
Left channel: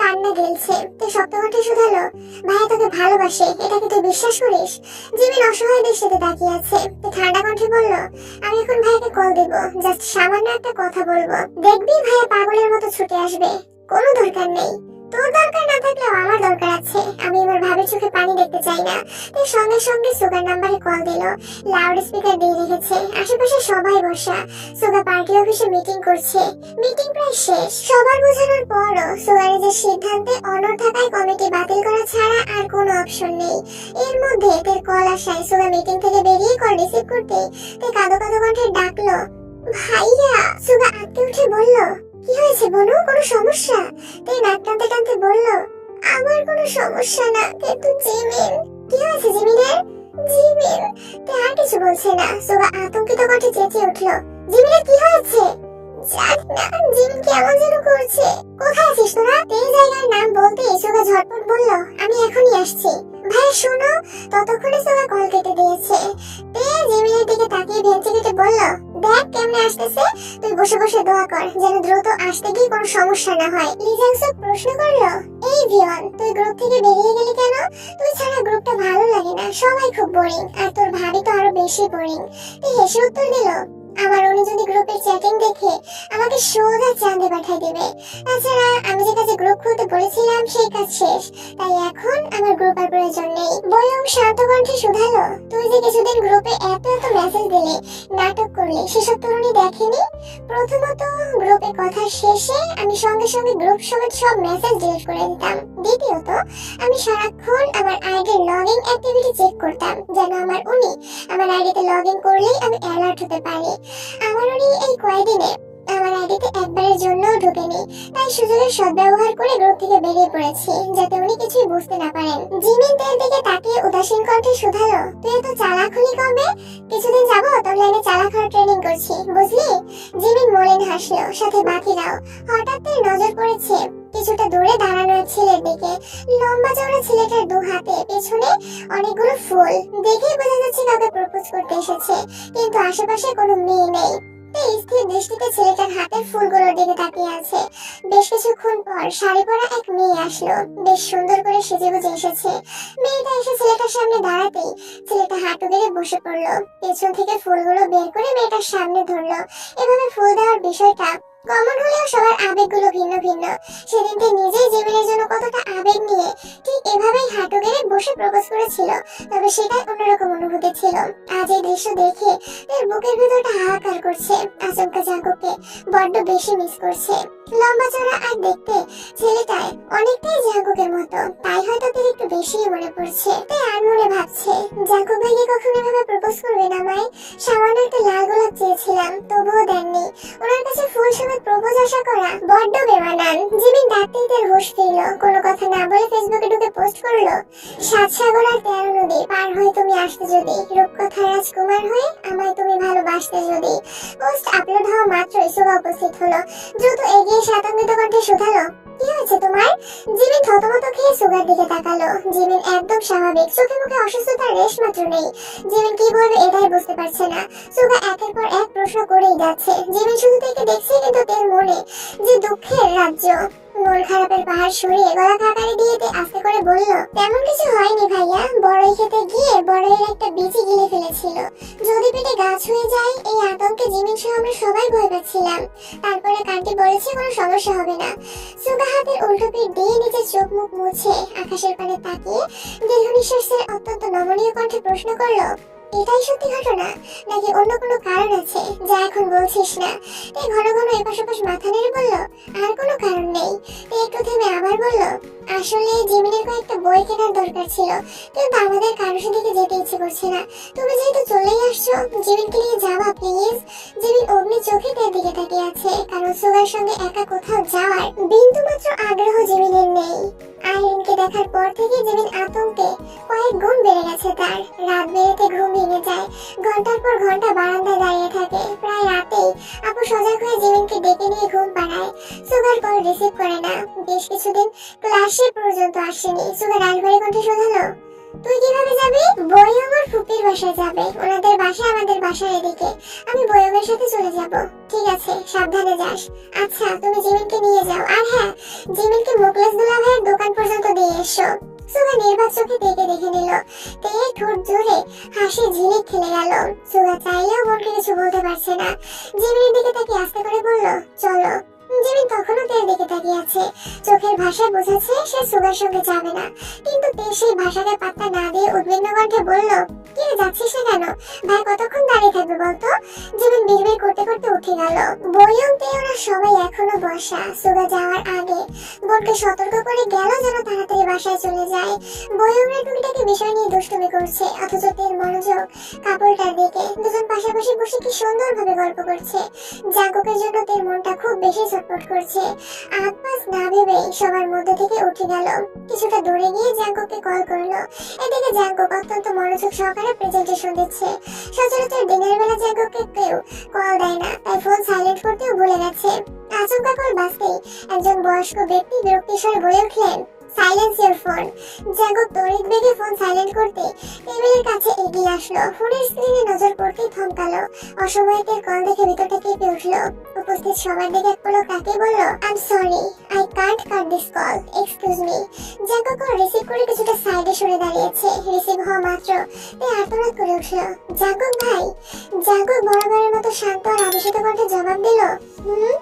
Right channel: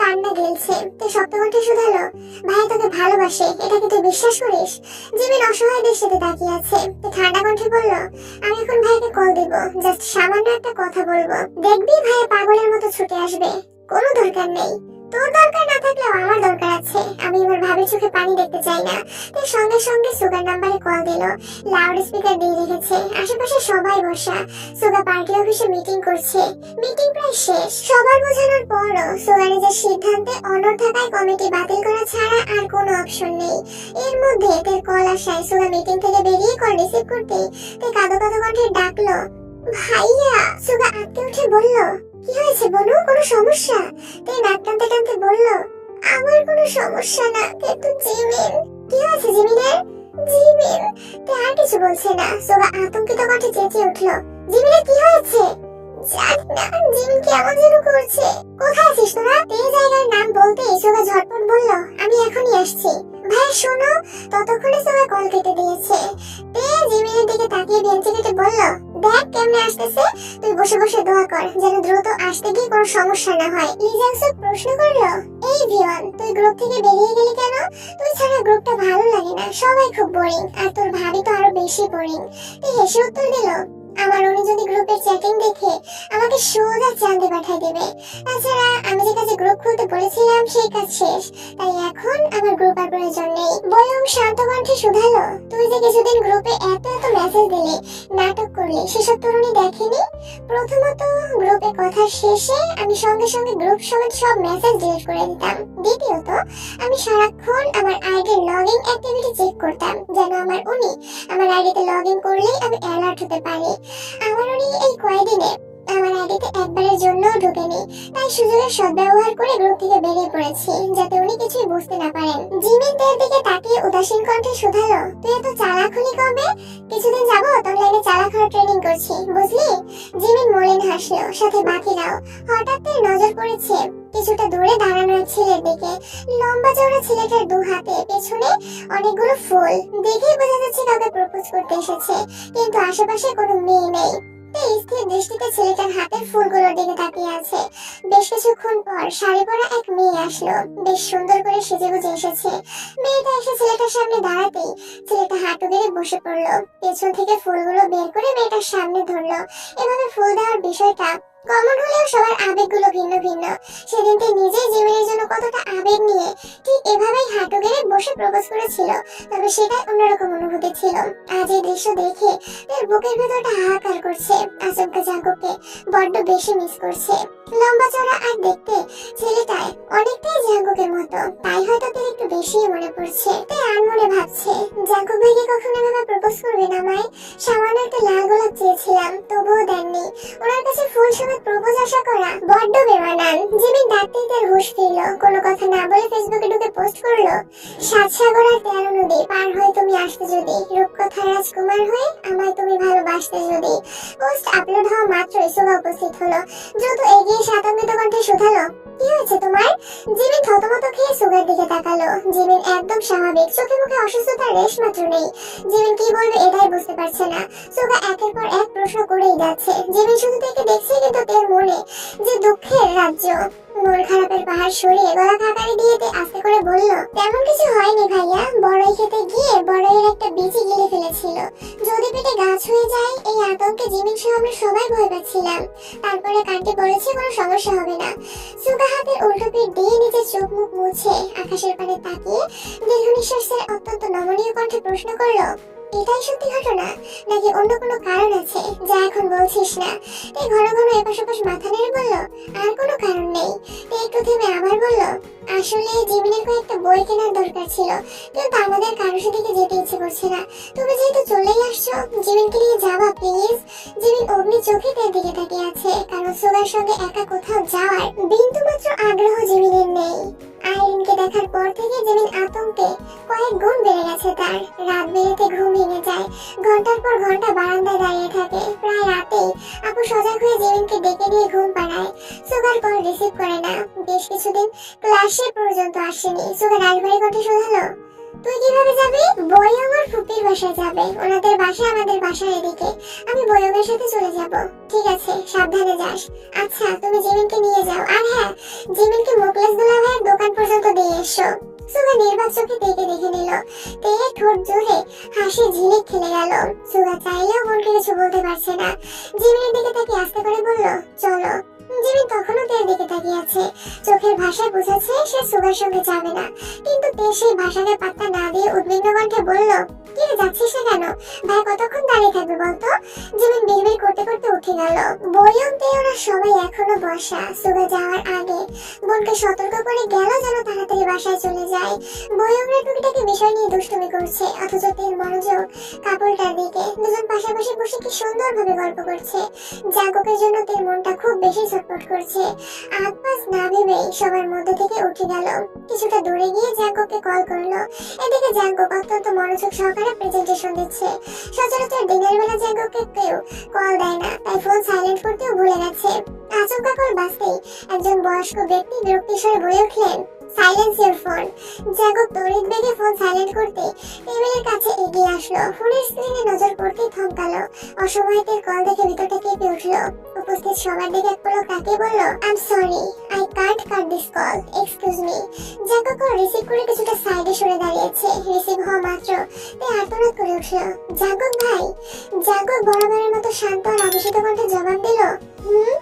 কান্না গেলছে। তে শক্ত কণ্ঠে শুধালো, ভাই তোকে ভালোবাসে, এটাকে তুই বিশ্বাস করিস? জিমিন অসহায় দৃষ্টিতে তাকিয়ে আছে। ঠান্ডা কণ্ঠে বলল, আমি এখন ভাইকে কল দেব, জাস্ট সামান্য একটা কথা বলবো, দেখবি ভাইয়া পাগলের মতো ছুটে আসবে। কোনো দরকার নেই, তোর দরকার না থাকলেও আমার দরকার আছে। আমি এবার ভাবির চোখে পানি দেখতে চাই না। তাই সঙ্গে সঙ্গে সুগার নাম্বারে কল দিল। লাউড স্পিকার দিয়ে রেখেছে, আশেপাশে সবাই বসা। সুগা পার্টি অফিসে মিটিং করছে। মিটিং প্রায় শেষ। সবার বোঝানোর পরও সুগার নিজের সিদ্ধান্তে অনড় থাকায় কমিটি বাতিল করা ছাড়া আর কোনো অপশন নেই। এর মধ্যে তের কল আসায় সুগা মিটিং থেকে বেরিয়ে কল রিসিভ করতে তে কাঁদো কাঁদো কণ্ঠে ডাকলো, ভাইয়া। সুগা আটকে উঠে বলল, কি হয়েছে বনু, কোনো সমস্যা? তে নাক টানতে টানতে বলল, আমার কোনো সমস্যা না, কিন্তু জিমিন। কি হয়েছে জিমিনের? জিমিন। তে আর কিছু বলছে না। সুগা আতঙ্কিত কণ্ঠে চেঁচিয়ে উঠল, জিমিনের কি হয়েছে? জানি না, জিমিন কেমন যেন করছে। কোথায় আছিস তোরা? তে জায়গার নাম বলতেই সুগা ঝটপট বলল, আমি এখনই আসছি। ভাই শোনো। ততক্ষণে সুগা কল কেটে দিয়েছে। তে জিমিনের দিকে তাকিয়ে ভেঙচি কেটে বলল, দেখ কেমনে আসতেছে, তুই বসে বসে দোয়া কর যেন দ্রুত আসতে গিয়ে কোনো সমস্যা না হয়। লিজাংসুক প্রশ্ন করলো, এই ভিওয়ান, তুই গ্রুপ থেকে বেরিয়ে গেলি কেন? তুই ছাড়া গ্রুপটা ভালো লাগে না, সবাই খুব বোরিং, আর তোর ভাবি তো আরো বেশি বোরিং। তুই হেসে উত্তর দিল, আমার উনি যদি গ্রুপের চ্যাটিং দেখে আমাকে সোজা চাঁদে পাঠিয়ে দেবে। তাছাড়া আমি যে কাজে গ্রুপ খুলতে বলেছিলাম সেই কাজ শেষ, তাই এখন আমার গ্রুপ আর প্রয়োজন নেই। বয়ং শান্ত কণ্ঠে শুধালো, তুই যে কিছুদিন গ্রুপে এত এত মেসেজ দিলি, নাটক করলি, সেসব তরুণী দেখেনি? প্রথমত গ্রুপে কথা শেষে আমি সঙ্গে সঙ্গে গ্রুপ সমেত সব মেসেজ ডিলিট করে দিতাম। দ্বিতীয়ত আমি সারাক্ষণ আমার আইডির লগইন অ্যাক্টিভিটি চেক করতাম, যেন আমার উনি আমার আইডিতে লগইন করলেই আমি অ্যালার্ট হতে পারি। আমার উনি এই কয়েকদিনে আমার আইডিতে একবারের জন্য ঢুকেনি, তাই সুযোগের সদ্ব্যবহার করে গ্রুপ থেকে বেরিয়ে পড়েছি, যাতে উনি কিছুই বুঝতে না পারেন। জিমিন তের দিকে তাকিয়ে উদাসীন কণ্ঠে শুধালো, তুই এত চালাক হলি কবে? কিছুদিন যাবত অনলাইনে চালাক হওয়ার ট্রেনিং করছি, বুঝলি? জিমিন মলিন হাসলো, সাথে বাকিরাও। হঠাৎ তার নজর পড়েছে কিছুটা দূরে দাঁড়ানো এক ছেলের দিকে। লম্বা চওড়া ছেলেটার দু হাতে পেছনে অনেকগুলো ফুল, দেখেই বোঝা যাচ্ছে কাউকে প্রপোজ করতে এসেছে, কিন্তু আশেপাশে কোনো মেয়ে নেই। স্থির দৃষ্টিতে ছেলেটার হাতের ফুলগুলোর দিকে তাকিয়ে আছে। বেশ কিছুক্ষণ পর শাড়ি পরা এক মেয়ে আসলো, বেশ সুন্দর করে সেজেগুজে এসেছে। মেয়েটা এসে ছেলেটার সামনে দাঁড়াতেই ছেলেটা হাঁটু গেড়ে বসে পড়লো। পেছন থেকে ফুলগুলো বের করে মেয়েটার সামনে ধরলো। এভাবে ফুল দেওয়ার বিষয়টা কমন হলেও সবার আবেগগুলো ভিন্ন ভিন্ন। সেদিনকে নিজেই জিমিনের জন্য কতটা আবেগ নিয়ে ঠিক এভাবেই হাঁটু গেড়ে বসে প্রপোজ করেছিল, তবে সেটাই অন্যরকম অনুভূতি ছিল। আজ এই দৃশ্য দেখে তার বুকের ভেতরটা হাহাকার করছে। আচমকা জাঙ্কুককে বড্ড বেশি মিস করছে। লম্বা চড়া আর দেখতে ছেলেটায় অনেকটাই জাঙ্কুকের মতো, তাই হয়তো তার একটু বেশি মনে পড়ছে। তাই আনমনে ভাবছে, জাঙ্কুক ভাইকে কখনো এভাবে প্রপোজ করবে না আমায়? সামান্য একটা লাল গোলাপ চেয়েছিলাম, তবুও দেননি। ওনার কাছে ফুল সমেত প্রপোজ আশা করা বড্ড বেমানান। জিমিন ডাকতেই তার হুঁশ ফিরলো। কোনো কথা না বলে ফেসবুকে ঢুকে পোস্ট করলো, 7 সাগর আর 13 নদী পার হয়ে তুমি আসতে যদি, রূপকথার রাজকুমার হয়ে আমায় তুমি ভালোবাসতে যদি। পোস্ট আপলোড হওয়া মাত্রই সুগা উপস্থিত হলো। দ্রুত এগিয়ে আতঙ্কিত কণ্ঠে শুধালো, কি হয়েছে তোমার? জিমিন থতমত খেয়ে সুগার দিকে তাকালো। জিমিন একদম স্বাভাবিক, চোখে মুখে অসুস্থতার রেশ মাত্র নেই। জিমিন কি বলবে এটাই বুঝতে পারছে না। সুগা একের পর এক প্রশ্ন করেই যাচ্ছে। জিমিন শুধু থেকে দেখছে, কিন্তু তার মনে যে দুঃখের রাজ্য। মন খারাপের পাহাড় সরিয়ে গলা খাকারি দিয়ে আস্তে করে বলল, তেমন কিছু হয়নি ভাইয়া, বড়ই খেতে গিয়ে বড়ইয়ের একটা বীজই গিলে ফেলেছিল। যদি পেটে গাছ হয়ে যায় এই আতঙ্কে জিমিন সহ আমরা সবাই ভয় পাচ্ছিলাম। তারপরে কান্টি বলেছে কোনো সমস্যা হবে না। সুগা হাতের উল্টো পিঠ দিয়ে নিজের চোখ মুখ মুছে আকাশের পানে তাকিয়ে দীর্ঘ নিঃশ্বাস ছেড়ে অত্যন্ত নমনীয় কণ্ঠে প্রশ্ন করলো, এটাই সত্যি ঘটনা নাকি অন্য কোনো কারণ আছে যা এখন বলছিস না? তে ঘন ঘন এপাশ ওপাশ মাথা নেড়ে বলল, আর কোনো কারণ নেই। তে একটু থেমে আবার বলল, আসলে জিমিনের কয়েকটা বই কেনার দরকার ছিল, কিন্তু আমাদের কারোর সাথে যেতে ইচ্ছে করছে না। তুমি যেহেতু চলেই আসছো, জিমিনকে নিয়ে যাবা প্লিজ। জিমিন অগ্নি চোখে তার দিকে তাকিয়ে আছে, কারণ সুগার সঙ্গে একা কোথাও যাওয়ার বিন্দু মাত্র আগ্রহ জিমিনের নেই। আইরিনকে দেখার পর থেকে জিমিন আতঙ্কে কয়েক গুণ বেড়ে গেছে তার। রাত বেড়েতে ঘুম ভেঙে যায়, ঘন্টার পর ঘন্টা বারান্দায় দাঁড়িয়ে থাকে। প্রায় রাতেই আপু সজাগ হয়ে জিমিনকে ডেকে নিয়ে ঘুম পাড়ায়। সুগার কল রিসিভ করে না। বেশ কিছুদিন ক্লাসে পর্যন্ত আসেনি। সুগার রাজবাড়ি কণ্ঠে শোধালো, তুই কিভাবে যাবি? বয়ং ওর ফুপির বাসায় যাবে, ওনাদের বাসা আমাদের বাসার এদিকে। আমি বয়ংয়ের সাথে চলে যাব। ঠিক আছে, সাবধানে যাস। আচ্ছা, তুমি জিমিনকে নিয়ে যাও, আর হ্যাঁ, জিমিনকে মুকলেশ দুলা ভাইয়ের দোকান পর্যন্ত দিয়ে এসো। সুগা নির্বাক চোখে তেকে দেখে নিল। তে ঠোঁট জোরে হাসি ঝিলিক খেলে গেল। সুগা চাইলেও বোনকে কিছু বলতে পারছে না। জিমিনের দিকে তাকিয়ে আস্তে করে বলল, চলো। জিমিন তখনও তের দিকে তাকিয়ে আছে। চোখের ভাষায় বোঝাচ্ছে সে সুগার সঙ্গে যাবে না, কিন্তু তে সেই ভাষাকে পাত্তা না দিয়ে উদ্বিগ্ন কণ্ঠে বলল, কি রে, যাচ্ছিস না কেন? ভাই কতক্ষণ দাঁড়িয়ে থাকবে বলতো? জিমিন বিড়বিড় করতে করতে উঠে গেল। বয়ং তে ওরা সবাই এখনো বসা। সুগা যাওয়ার আগে বোনকে সতর্ক করে গেল যেন তাড়াতাড়ি বাসায় চলে যায়। বয়ংরা টুকিটাকি বিষয় নিয়ে দুষ্টুমি করছে, অথচ তের মনোযোগ কাপড়টার দিকে। দুজন পাশাপাশি বসে কি সুন্দরভাবে গল্প করছে। জাঙ্কুকের জন্য তের মনটা খুব বেশি ছটফট করছে। আপাস না ভেবেই সবার মধ্যে থেকে উঠে গেল। কিছুটা দূরে গিয়ে জাঙ্কুককে কল করলো। এদিকে জাঙ্কুক অত্যন্ত মনোযোগ সহকারে প্রেজেন্টেশন দিচ্ছে। সচরাচর দিনের বেলা জাঙ্কুককে কেউ কল দেয় না, তাই ফোন সাইলেন্ট করতেও ভুলে গেছে। আচমকা কল বাজতেই একজন বয়স্ক ব্যক্তি বিরক্তির স্বরে বলে উঠলেন, সাইলেন্স ইওর ফোন। জাঙ্কুক তড়িৎ বেগে ফোন সাইলেন্ট করতে টেবিলের কাছে এগিয়ে আসলো। ফোনের স্ক্রিনে নজর পড়তেই থমকালো। অসময়ে তের কল দেখে ভিতরটা কেঁপে উঠলো। উপস্থিত সবার দিকে এক পলক তাকিয়ে বলল, I am sorry, I can't cut this call, excuse me. Jungkook call receive করে কিছুটা সাইডে সরে দাঁড়িয়েছে। রিসিভ হওয়া মাত্র তে আর্তনাদ করে উঠলো, জাঙ্কুক ভাই। জাঙ্কুক বরাবরের মতো শান্ত আর আবেশিত কণ্ঠে জবাব দিল, হুম।